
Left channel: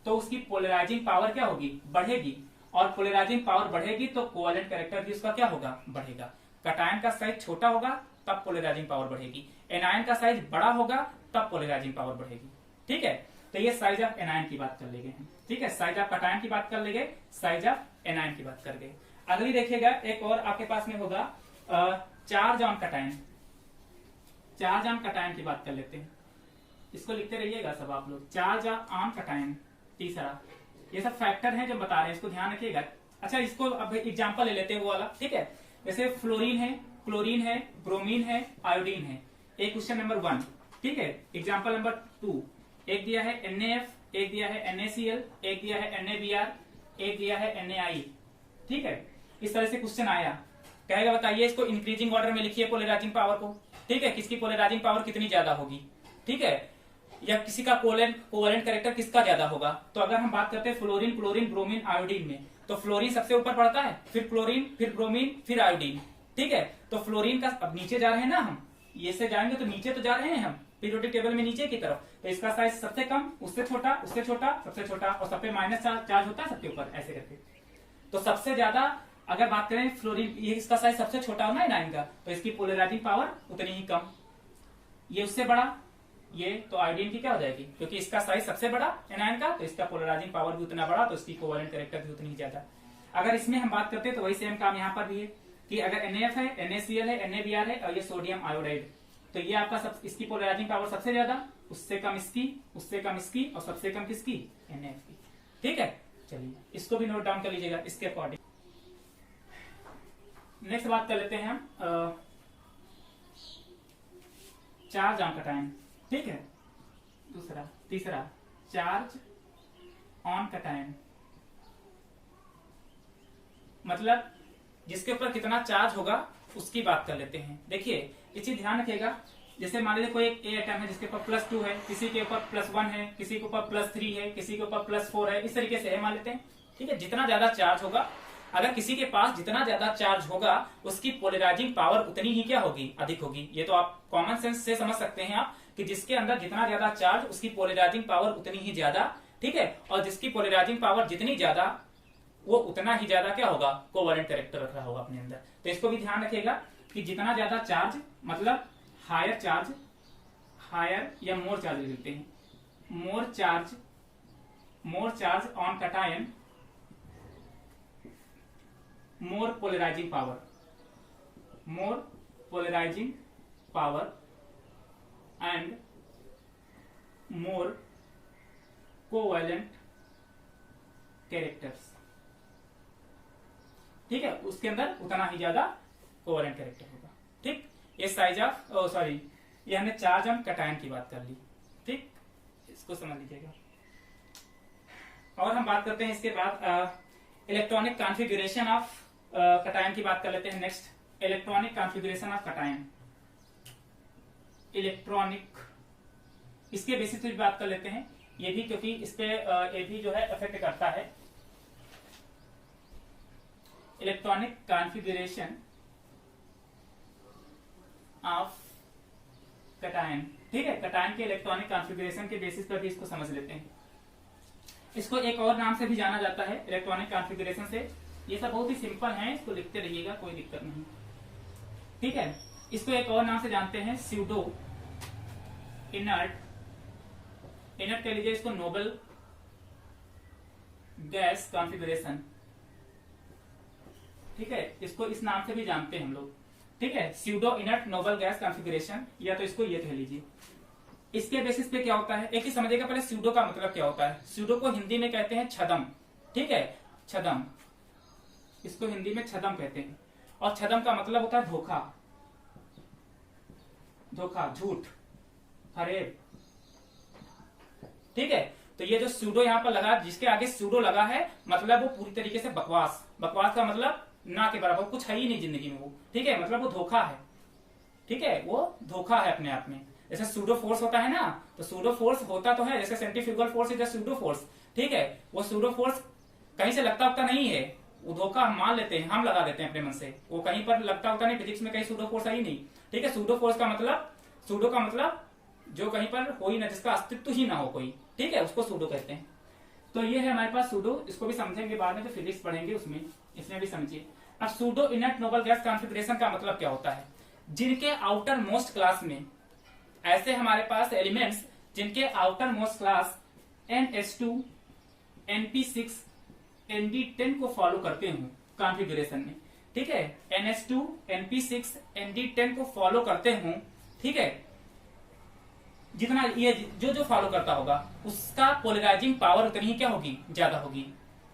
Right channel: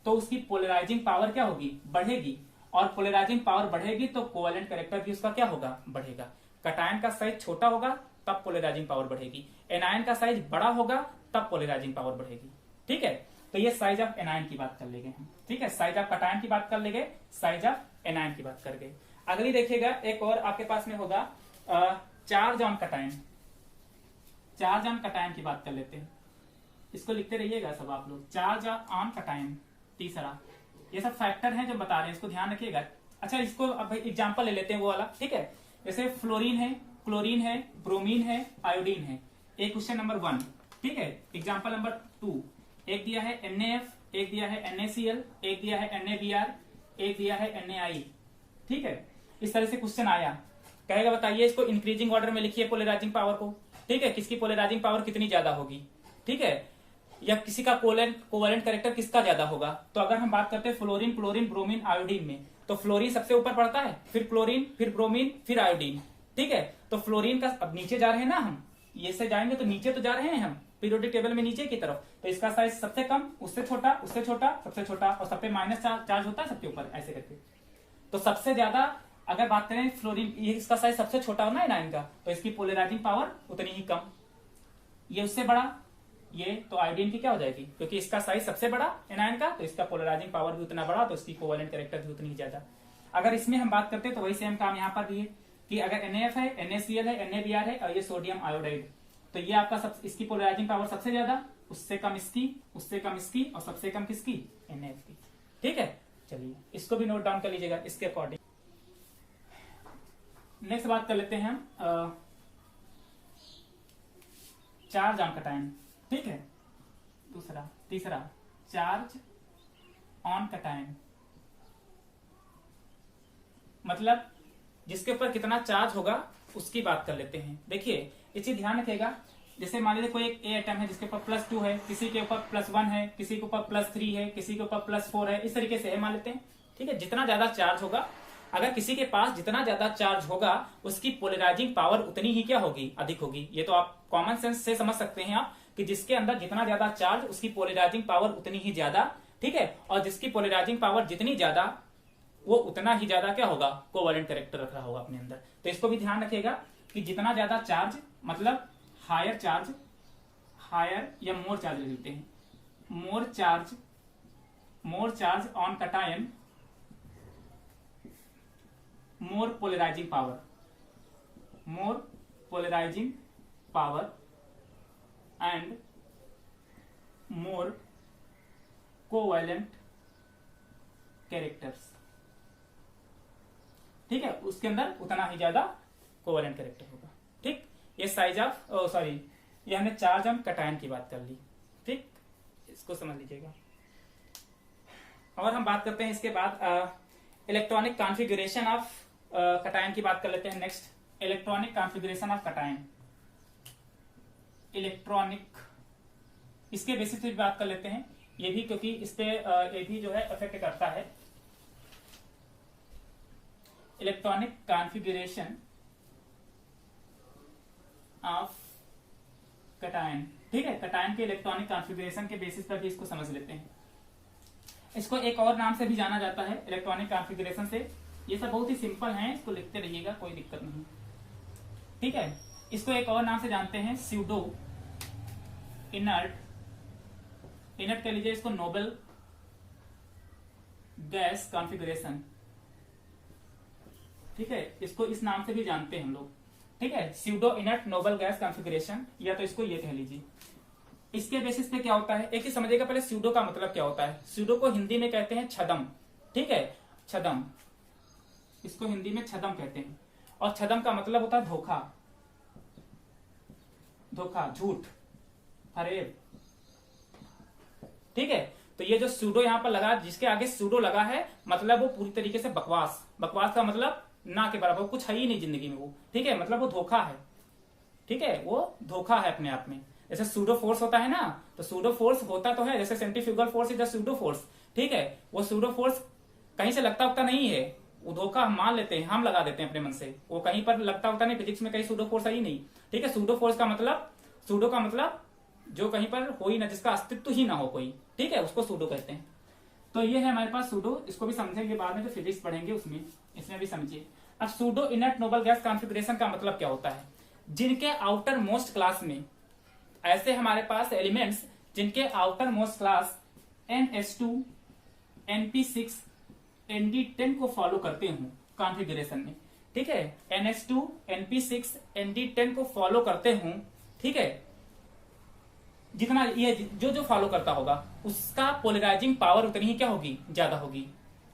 तो उसकी पोलराइजिंग पावर क्या होगी, बढ़ेगी, और पोलराइजिंग पावर बढ़ेगी तो कोवैलेंट कैरेक्टर भी उसका क्या होगा, बढ़ेगा। कटायन का साइज छोटा होगा तब पोलराइजिंग पावर बढ़ेगी, एनायन का साइज बड़ा होगा तब पोलराइजिंग पावर बढ़ेगी, ठीक है। तो ये साइज ऑफ एनायन की बात कर लेंगे हम, ठीक है, साइज ऑफ कटायन की बात कर लेंगे, साइज ऑफ एनायन की बात कर गए। अगली देखिएगा, एक और आपके पास में होगा charge on cation, charge on cation की बात कर लेते हैं, इसको लिखते रहिएगा सब आप लोग, चार्ज ऑन कटायन। तीसरा, ये सब फैक्टर हैं जो बता रहे हैं, इसको ध्यान रखिएगा। अच्छा इसको अब एग्जांपल ले लेते हैं वो वाला, ठीक है, जैसे फ्लोरीन है, क्लोरीन है, ब्रोमीन है, आयोडीन है, एक क्वेश्चन नंबर 1, ठीक है। एग्जांपल नंबर 2, एक दिया है NaF, एक दिया है NaCl, एक दिया है NaBr, एक दिया है NaI, ठीक है। इस तरह से क्वेश्चन आया, कहेगा बताइए इसको इंक्रीजिंग ऑर्डर में लिखिए पोलराइजिंग पावर को, ठीक है, किसकी पोलराइजिंग पावर कितनी ज्यादा होगी, ठीक है, या किसी का कोवैलेंट कैरेक्टर किसका ज्यादा होगा। तो अगर हम बात करते हैं फ्लोरीन, क्लोरीन, ब्रोमीन, आयोडीन में, तो फ्लोरीन सबसे ऊपर पड़ता है, फिर क्लोरीन, फिर ब्रोमीन, फिर आयोडीन, ठीक है। तो फ्लोरीन का, अब नीचे जा रहे हैं ना हम, ये से जाएंगे तो नीचे तो जा रहे हैं हम पीरियोडिक टेबल में नीचे की तरफ, तो इसका साइज सबसे कम, उससे छोटा, उससे छोटा, सबसे छोटा, और सब पे माइनस चार्ज होता है सबके ऊपर, ऐसे करके। तो सबसे ज्यादा अगर बात करें फ्लोरीन, ये इसका साइज सबसे छोटा होना है एनायन का, तो इसकी पोलराइजिंग पावर उतनी ही कम। ये उससे बड़ा, ये तो आयोडीन की क्या हो जाएगी, क्योंकि इसका साइज सबसे बड़ा एनायन का, तो इसका पोलराइजिंग पावर भी उतना बड़ा, तो इसकी कोवैलेंट कैरेक्टर भी उतनी ज्यादा। अगर इसमें हम बात करते हैं तो वही सेम काम यहाँ पर भी है, कि अगर NaF है, NaCl है, NaBr है, और ये सोडियम आयोडाइड, तो ये आपका सब, इसकी पोलराइजिंग पावर सबसे ज्यादा, उससे कम इसकी, उससे कम इसकी, और सबसे कम किसकी, NaF की, ठीक है। चलिए इसको भी नोट डाउन कर लीजिएगा इसके अकॉर्डिंग। नेक्स्ट बात कर लेते हैं हम चार्ज ऑन कटायन, ठीक है। तीसरा चार्ज ऑन कटायन, मतलब जिसके ऊपर कितना चार्ज होगा उसकी बात कर लेते हैं। देखिए ये चीज ध्यान रखिएगा, जैसे मान लीजिए कोई एक एटम है जिसके ऊपर +2 है, किसी के ऊपर +1 है, किसी के ऊपर +3 है, किसी के ऊपर +4 है, इस तरीके से है मान लेते हैं, ठीक है। जितना ज्यादा चार्ज होगा, अगर किसी के पास जितना ज्यादा चार्ज होगा उसकी पोलराइजिंग पावर उतनी ही क्या होगी, अधिक होगी। ये तो आप कॉमन सेंस से समझ सकते हैं आप, कि जिसके अंदर जितना ज्यादा चार्ज उसकी पोलराइजिंग पावर उतनी ही ज्यादा, ठीक है, और जिसकी पोलराइजिंग पावर जितनी ज्यादा वो उतना ही ज्यादा क्या होगा, कोवैलेंट कैरेक्टर रख रहा होगा अपने अंदर। तो इसको भी ध्यान रखिएगा कि जितना ज्यादा चार्ज मतलब हायर चार्ज, हायर या मोर चार्ज लिख लेते हैं, more charge on cation, more polarising power and more covalent characters. ठीक है, उसके अंदर उतना ही ज्यादा कोवैलेंट कैरेक्टर होगा। ठीक, ये साइज ऑफ सॉरी ये हमने चार्ज ऑन कटायन की बात कर ली। ठीक, इसको समझ लीजिएगा। और हम बात करते हैं इसके बाद इलेक्ट्रॉनिक कॉन्फ़िगरेशन ऑफ कटायन की बात कर लेते हैं। Next electronic configuration of cation, electronic, इसके बेसिस पे भी बात कर लेते हैं ये भी, क्योंकि इस पे ये भी जो है इफेक्ट करता है। Electronic configuration of cation. ठीक है, कटायन के इलेक्ट्रॉनिक कॉन्फ़िगरेशन के बेसिस पर भी इसको समझ लेते हैं। इसको एक और नाम से भी जाना जाता है इलेक्ट्रॉनिक कॉन्फ़िगरेशन से। ये सब बहुत ही सिंपल है, इसको लिखते रहिएगा, कोई दिक्कत नहीं। ठीक है, इसको एक और नाम से जानते हैं स्यूडो इनर्ट कह लीजिए इसको, नोबल गैस कॉन्फ़िगरेशन। ठीक है, इसको इस नाम से भी जानते हैं हम लोग। ठीक है, pseudo inert noble gas configuration, या तो इसको ये कह लीजिए। इसके बेसिस पे क्या होता है, एक ही समझिएगा पहले स्यूडो का मतलब क्या होता है। स्यूडो को हिंदी में कहते हैं छदम। ठीक है, छदम, इसको हिंदी में छदम कहते हैं। और छदम का मतलब होता है धोखा, झूठ, फरेब। ठीक है, तो ये जो स्यूडो यहाँ पर लगा, जिसके आगे स्यूडो लगा है, मतलब वो पूरी तरीके से बकवास का मतलब ना के बराबर, कुछ है ही नहीं जिंदगी में वो। ठीक है, मतलब वो धोखा है। ठीक है, वो धोखा है अपने आप में। जैसे सूडो फोर्स होता है ना, तो सूडो फोर्स होता तो है, जैसे centrifugal force is pseudo force. ठीक है, वो सूडो फोर्स कहीं से लगता होता नहीं है, वो धोखा हम मान लेते हैं, हम लगा देते हैं अपने मन से। वो कहीं पर लगता होता नहीं, फिजिक्स में कहीं सूडो फोर्स है ही नहीं। ठीक है, सूडो फोर्स का मतलब, सूडो का मतलब जो कहीं पर हो ही ना, जिसका अस्तित्व ही ना हो कोई। ठीक है, उसको सूडो कहते हैं। तो ये है हमारे पास सूडो, इसको भी समझेंगे बाद में, तो फिजिक्स पढ़ेंगे उसमें, इसमें भी समझिए। अब pseudo inert noble gas configuration का मतलब क्या होता है, जिनके आउटर मोस्ट क्लास में, ऐसे हमारे पास एलिमेंट्स जिनके outer most class NH2, NP6, ND10 को फॉलो करते हो कॉन्फ़िगरेशन में। ठीक है, NH2, NP6, ND10 को फॉलो करते हो। ठीक है, जितना ये जो फॉलो करता होगा उसका पोलराइजिंग पावर उतनी ही क्या होगी, ज्यादा होगी।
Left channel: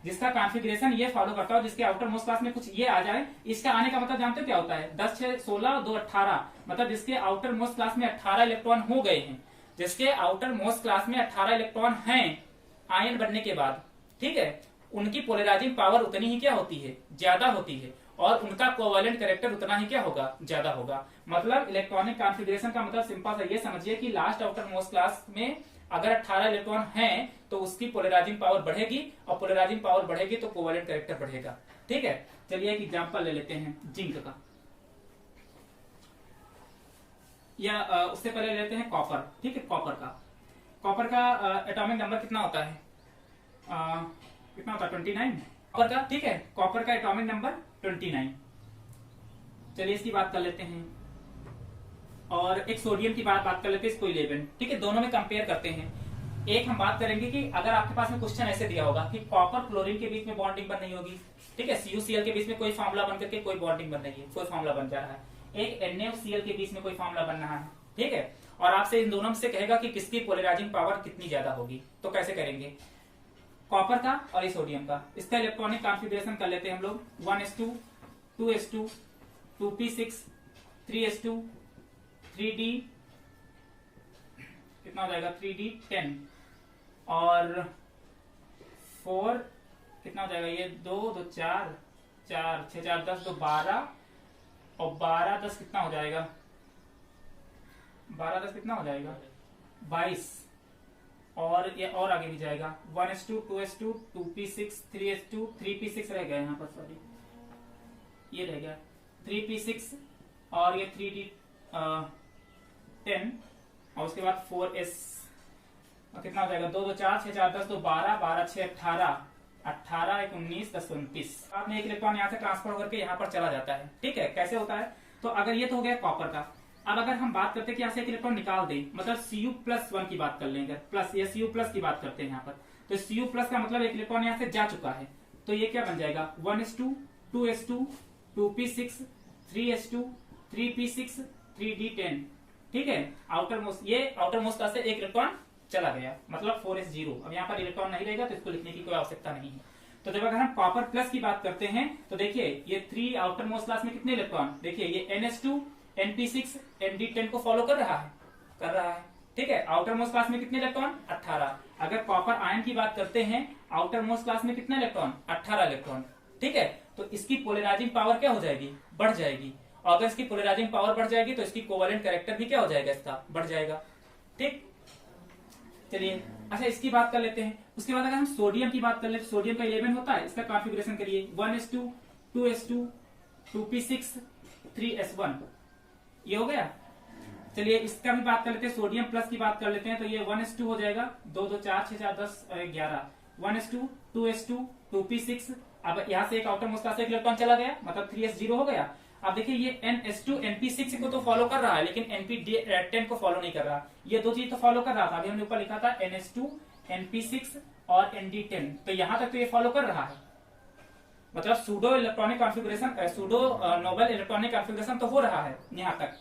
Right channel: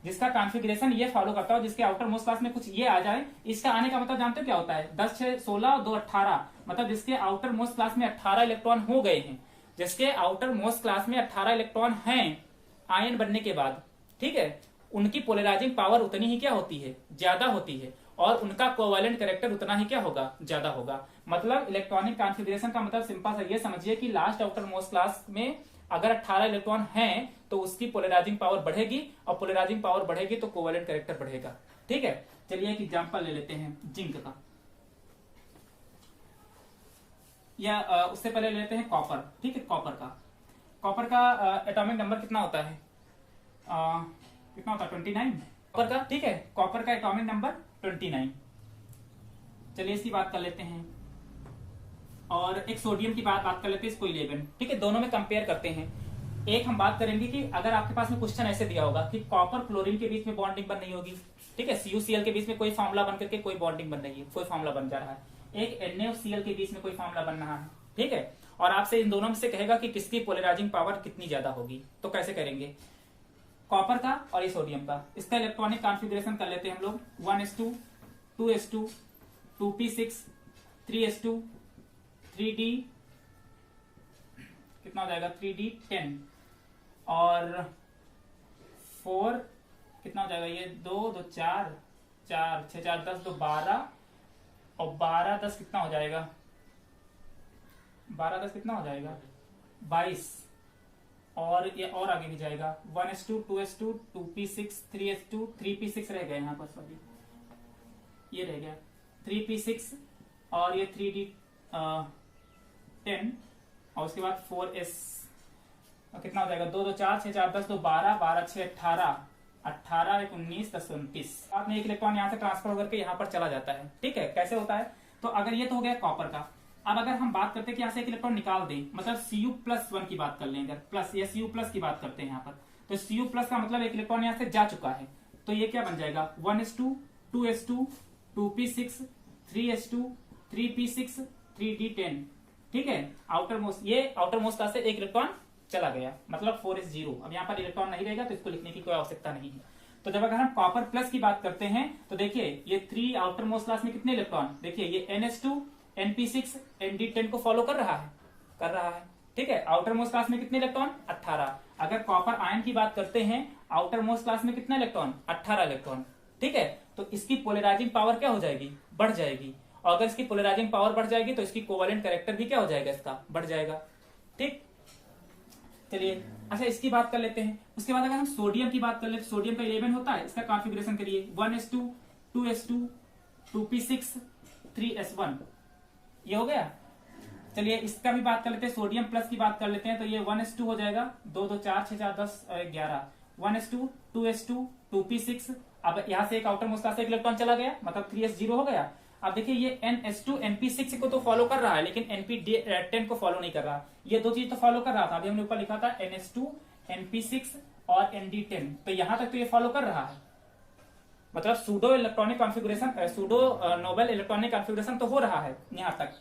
जिसका कॉन्फ़िगरेशन ये फॉलो करता हो, जिसके आउटर मोस्ट क्लास में कुछ ये आ जाए, इसका आने का मतलब जानते हो क्या होता है, 10, 6, 16 और 2, 18। मतलब जिसके आउटर मोस्ट क्लास में 18 इलेक्ट्रॉन हो गए हैं, जिसके आउटर मोस्ट क्लास में 18 इलेक्ट्रॉन हैं आयन बनने के बाद। ठीक है, उनकी पोलराइजिंग पावर उतनी ही क्या होती है, ज्यादा होती है, और उनका कोवैलेंट कैरेक्टर उतना ही क्या होगा, ज्यादा होगा। मतलब इलेक्ट्रॉनिक कॉन्फ़िगरेशन का मतलब सिंपल सा ये समझिए कि लास्ट आउटर मोस्ट क्लास में अगर 18 इलेक्ट्रॉन हैं तो उसकी पोलराइजिंग पावर बढ़ेगी, और पोलराइजिंग पावर बढ़ेगी तो कोवैलेंट कैरेक्टर बढ़ेगा। ठीक है, चलिए एक एग्जांपल ले लेते हैं जिंक का, या उससे पहले ले लेते हैं कॉपर। ठीक है, कॉपर का एटॉमिक नंबर कितना होता है, कितना होता है, 29 कॉपर का। ठीक है, कॉपर का एटॉमिक नंबर 29। चलिए इसकी बात कर लेते हैं। और एक सोडियम की बात कर लेते हैं, इसको 11। ठीक है, दोनों में कंपेयर करते हैं। एक हम बात करेंगे कि अगर आपके पास में क्वेश्चन ऐसे दिया होगा कि कॉपर क्लोरीन के बीच में बॉन्डिंग बन रही होगी। ठीक है, CuCl के बीच में कोई फार्मूला बन करके कोई बॉन्डिंग बन रही है, कोई फार्मूला बन जा रहा है। एक NaCl के बीच में कोई फार्मूला बन रहा है। ठीक है, और आपसे इन दोनों में से कहेगा कि किसकी पोलराइजिंग पावर कितनी ज्यादा होगी, तो कैसे करेंगे, कॉपर का और ये सोडियम का। इसका इलेक्ट्रॉनिक कॉन्फ़िगरेशन कर लेते हैं हम लोग, 1s2, 2s2, 2p6, 3s2, 3d, कितना हो जाएगा, 3d10, और 4 कितना हो जाएगा, ये 2, 2, 4, 4, 6, 4, 10, 2, 12, और 12, 10 कितना हो जाएगा, 12, 10 कितना हो जाएगा, 22, और ये और आगे भी जाएगा, 1s2, 2s2, 2p6, 3s2, 3p6 रह गया यहाँ पर, सॉरी ये रह गया 3p6, और ये 3d10, और उसके बाद 4s, और कितना हो जाएगा, 2, 2, 4, 6, 4, 10, 2, 12, 12, 6, 18, 18, 1, 19, 10, 29। आपने एक इलेक्ट्रॉन यहाँ से ट्रांसफर होकर के यहाँ पर चला जाता है। ठीक है, कैसे होता है, तो अगर ये तो हो गया कॉपर का। अब अगर हम बात करते हैं कि यहाँ से एक इलेक्ट्रॉन निकाल दें, मतलब Cu+1 की बात कर लें, अगर प्लस या Cu+ की बात करते हैं यहाँ पर, तो Cu+ का मतलब एक इलेक्ट्रॉन यहाँ से जा चुका है, तो ये क्या बन जाएगा 1s2 2s2 2p6 3s2 3p6 3d10, ठीक है। आउटर मोस्ट, ये आउटर मोस्ट से एक इलेक्ट्रॉन चला गया, मतलब 4s0। अब यहाँ पर इलेक्ट्रॉन नहीं रहेगा तो इसको लिखने की कोई आवश्यकता नहीं है। तो जब अगर हम कॉपर प्लस की बात करते हैं तो देखिए ये 3 आउटर मोस्ट क्लास में कितने इलेक्ट्रॉन, देखिए ये ns2 np6 nd10 को फॉलो कर रहा है, ठीक है। आउटर मोस्ट क्लास में कितने इलेक्ट्रॉन 18। अगर कॉपर आयन की बात करते हैं आउटर मोस्ट क्लास में कितने इलेक्ट्रॉन 18 इलेक्ट्रॉन, ठीक है। तो इसकी पोलराइजिंग पावर क्या हो जाएगी, बढ़ जाएगी, और अगर इसकी पोलराइजिंग पावर बढ़ जाएगी तो इसकी कोवेलेंट कैरेक्टर भी क्या हो जाएगा, इसका बढ़ जाएगा, ठीक। चलिए अच्छा इसकी बात कर लेते हैं। उसके बाद अगर हम सोडियम की बात कर ले, सोडियम का 11 होता है, इसका कॉन्फ़िगरेशन करिए 1s2 2s2 2p6 3s1, ये हो गया। चलिए इसका भी बात कर लेते हैं, सोडियम प्लस की बात कर लेते हैं, तो ये 1s2 हो जाएगा, 2 2 4 6 4 10 11 1s2 2s2 2p6। अब यहाँ से एक आउटर मोस्ट से एक इलेक्ट्रॉन चला गया, मतलब 3s0 हो गया। अब देखिए ये ns2 np6 को तो फॉलो कर रहा है लेकिन np10 को फॉलो नहीं कर रहा, ये दो चीज तो फॉलो कर रहा था। अभी हमने ऊपर लिखा था ns2 np6 और nd10, तो यहां तक तो ये फॉलो कर रहा है, मतलब pseudo electronic configuration, pseudo noble electronic configuration तो हो रहा है यहां तक,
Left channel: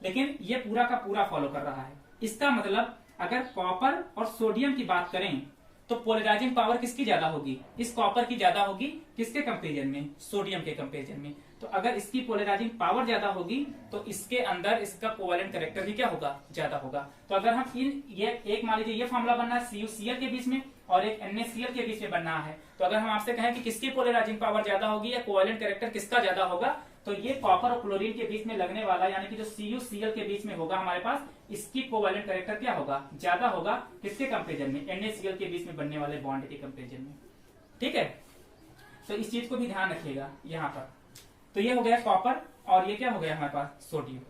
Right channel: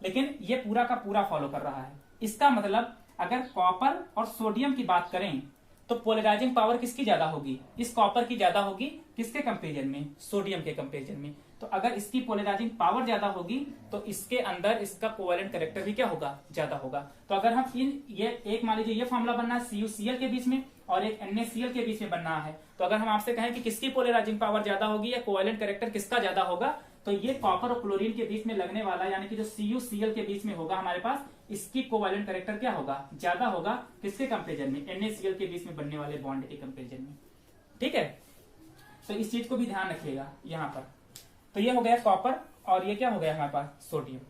लेकिन ये पूरा का पूरा फॉलो कर रहा है। इसका मतलब अगर कॉपर और सोडियम की बात करें तो पोलराइजिंग पावर किसकी ज्यादा होगी, इस कॉपर की ज्यादा होगी, किसके कंपेरिजन में, सोडियम के कंपेरिजन में। तो अगर इसकी पोलराइजिंग पावर ज्यादा होगी तो इसके अंदर इसका कोवेलेंट कैरेक्टर भी क्या होगा, ज्यादा होगा। तो अगर हम ये एक मान लीजिए ये फॉर्मूला बनना है CuCl के बीच में और एक NaCl के बीच में बनना है, तो अगर हम आपसे कहें कि किसकी पोलराइजिंग पावर ज्यादा होगी या कोवेलेंट कैरेक्टर किसका ज्यादा होगा, तो ये कॉपर और क्लोरीन के बीच में लगने वाला, यानी कि जो CuCl के बीच में होगा हमारे पास, इसकी कोवेलेंट कैरेक्टर क्या होगा, ज्यादा होगा, किसके कंपेरिजन में, NaCl के बीच में बनने वाले बॉन्ड के कंपेरिजन में, ठीक है। तो इस चीज को भी ध्यान रखिएगा यहाँ पर। तो ये हो गया कॉपर और ये क्या हो गया हमारे पास सोडियम,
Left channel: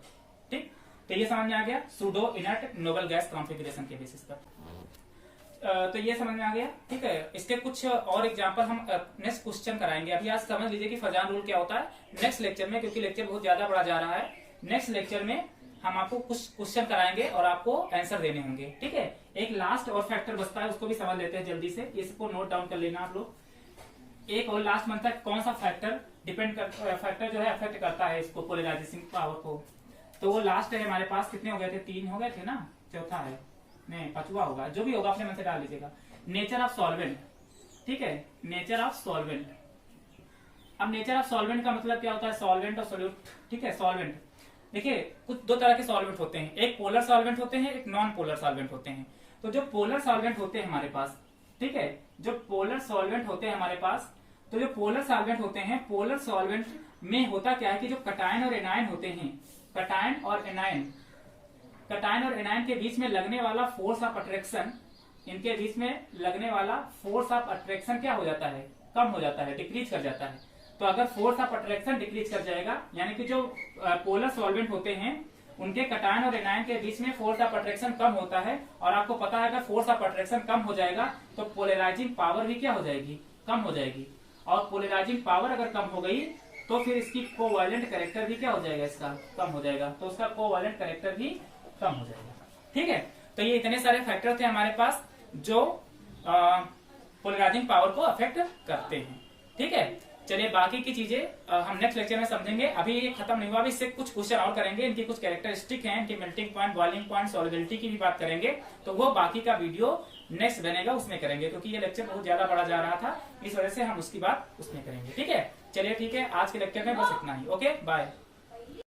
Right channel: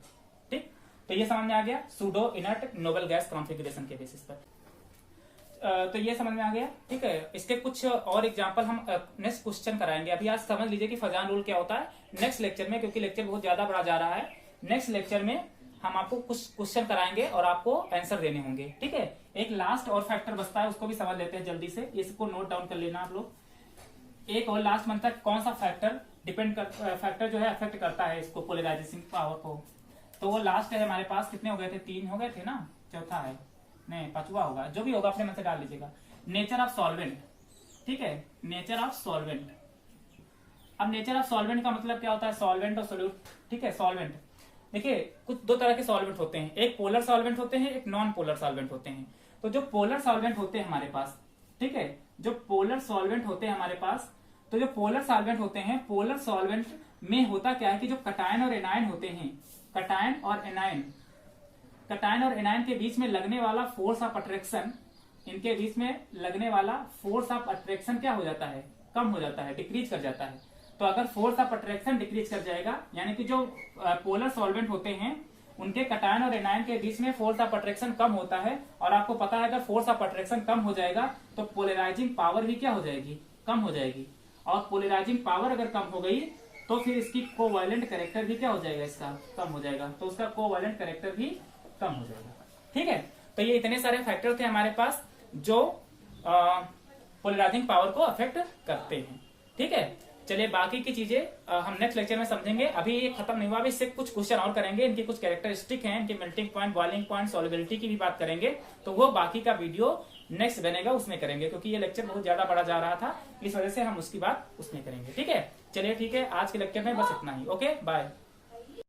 ठीक। तो ये समझ में आ गया pseudo inert noble gas configuration के बेसिस पर। तो ये समझ में आ गया, ठीक है। इसके कुछ और एग्जांपल हम नेक्स्ट क्वेश्चन कराएंगे। अभी आज समझ लीजिए कि फजान रूल क्या होता है। नेक्स्ट लेक्चर में, क्योंकि लेक्चर बहुत ज्यादा बड़ा जा रहा है, नेक्स्ट लेक्चर में हम आपको कुछ क्वेश्चन कराएंगे और आपको आंसर देने होंगे, ठीक है। एक लास्ट और फैक्टर बचता है, उसको भी समझ लेते हैं जल्दी से, इसको नोट डाउन कर लेना आप लोग। एक और लास्ट मंथ तक कौन सा फैक्टर फैक्टर जो है अफेक्ट करता है इसको, पोलराइजिंग पावर को, तो वो लास्ट है हमारे पास। कितने हो गए थे, 3 हो गए थे ना, चौथा है नहीं, 5वां होगा, जो भी होगा अपने मन से डाल दीजिएगा। नेचर ऑफ सॉल्वेंट, ठीक है, नेचर ऑफ सॉल्वेंट। अब नेचर ऑफ सॉल्वेंट का मतलब क्या होता है, सॉल्वेंट और सोल्यूट, ठीक है। सॉल्वेंट देखिए कुछ 2 तरह के सॉल्वेंट होते हैं, एक पोलर सॉल्वेंट होते हैं, एक नॉन पोलर सॉल्वेंट होते हैं। तो जो पोलर सॉल्वेंट होते हैं हमारे पास, ठीक है, जो पोलर सॉल्वेंट होते हैं हमारे पास, तो जो पोलर सॉल्वेंट होते हैं, पोलर सॉल्वेंट में होता क्या है कि जो कटायन और एनायन होते हैं, कटायन और एनायन के बीच में लगने वाला फोर्स ऑफ अट्रैक्शन, इनके बीच में लगने वाला फोर्स ऑफ अट्रैक्शन क्या हो जाता है, कम हो जाता है, डिक्रीज कर जाता है। तो अगर फोर्स ऑफ अट्रैक्शन डिक्रीज कर जाएगा, यानी कि जो पोलर सॉल्वेंट होते हैं उनके कटायन और एनायन के बीच में फोर्स ऑफ अट्रैक्शन कम होता है, और आपको पता है अगर फोर्स ऑफ अट्रैक्शन कम हो जाएगा तो पोलराइजिंग पावर भी क्या हो जाएगी, कम हो जाएगी। और पोलराइजिंग पावर अगर कम हो गई तो फिर इसकी कोवैलेंट कैरेक्टर भी क्या हो जाएगा, इसका कम हो जाएगा, तो उसका कोवैलेंट कैरेक्टर भी कम हो जाएगा, ठीक है। तो ये इतने सारे फैक्टर थे हमारे पास जो पोलराइजिंग पावर को अफेक्ट करते हैं, ठीक है। चलिए बाकी की चीजें हम नेक्स्ट लेक्चर में समझेंगे। अभी ये खत्म नहीं हुआ, अभी इससे कुछ क्वेश्चन और करेंगे, इनकी कुछ कैरेक्टरिस्टिक हैं, इनकी melting point, boiling point, solubility की भी बात करेंगे, तो वो बाकी का वीडियो नेक्स्ट बनेगा उसमें करेंगे, क्योंकि ये लेक्चर बहुत ज्यादा बड़ा जा रहा था, इस वजह से हम उसकी बात उसमें करेंगे, ठीक है। चलिए ठीक है, आज के लेक्चर में बस इतना ही, ओके बाय।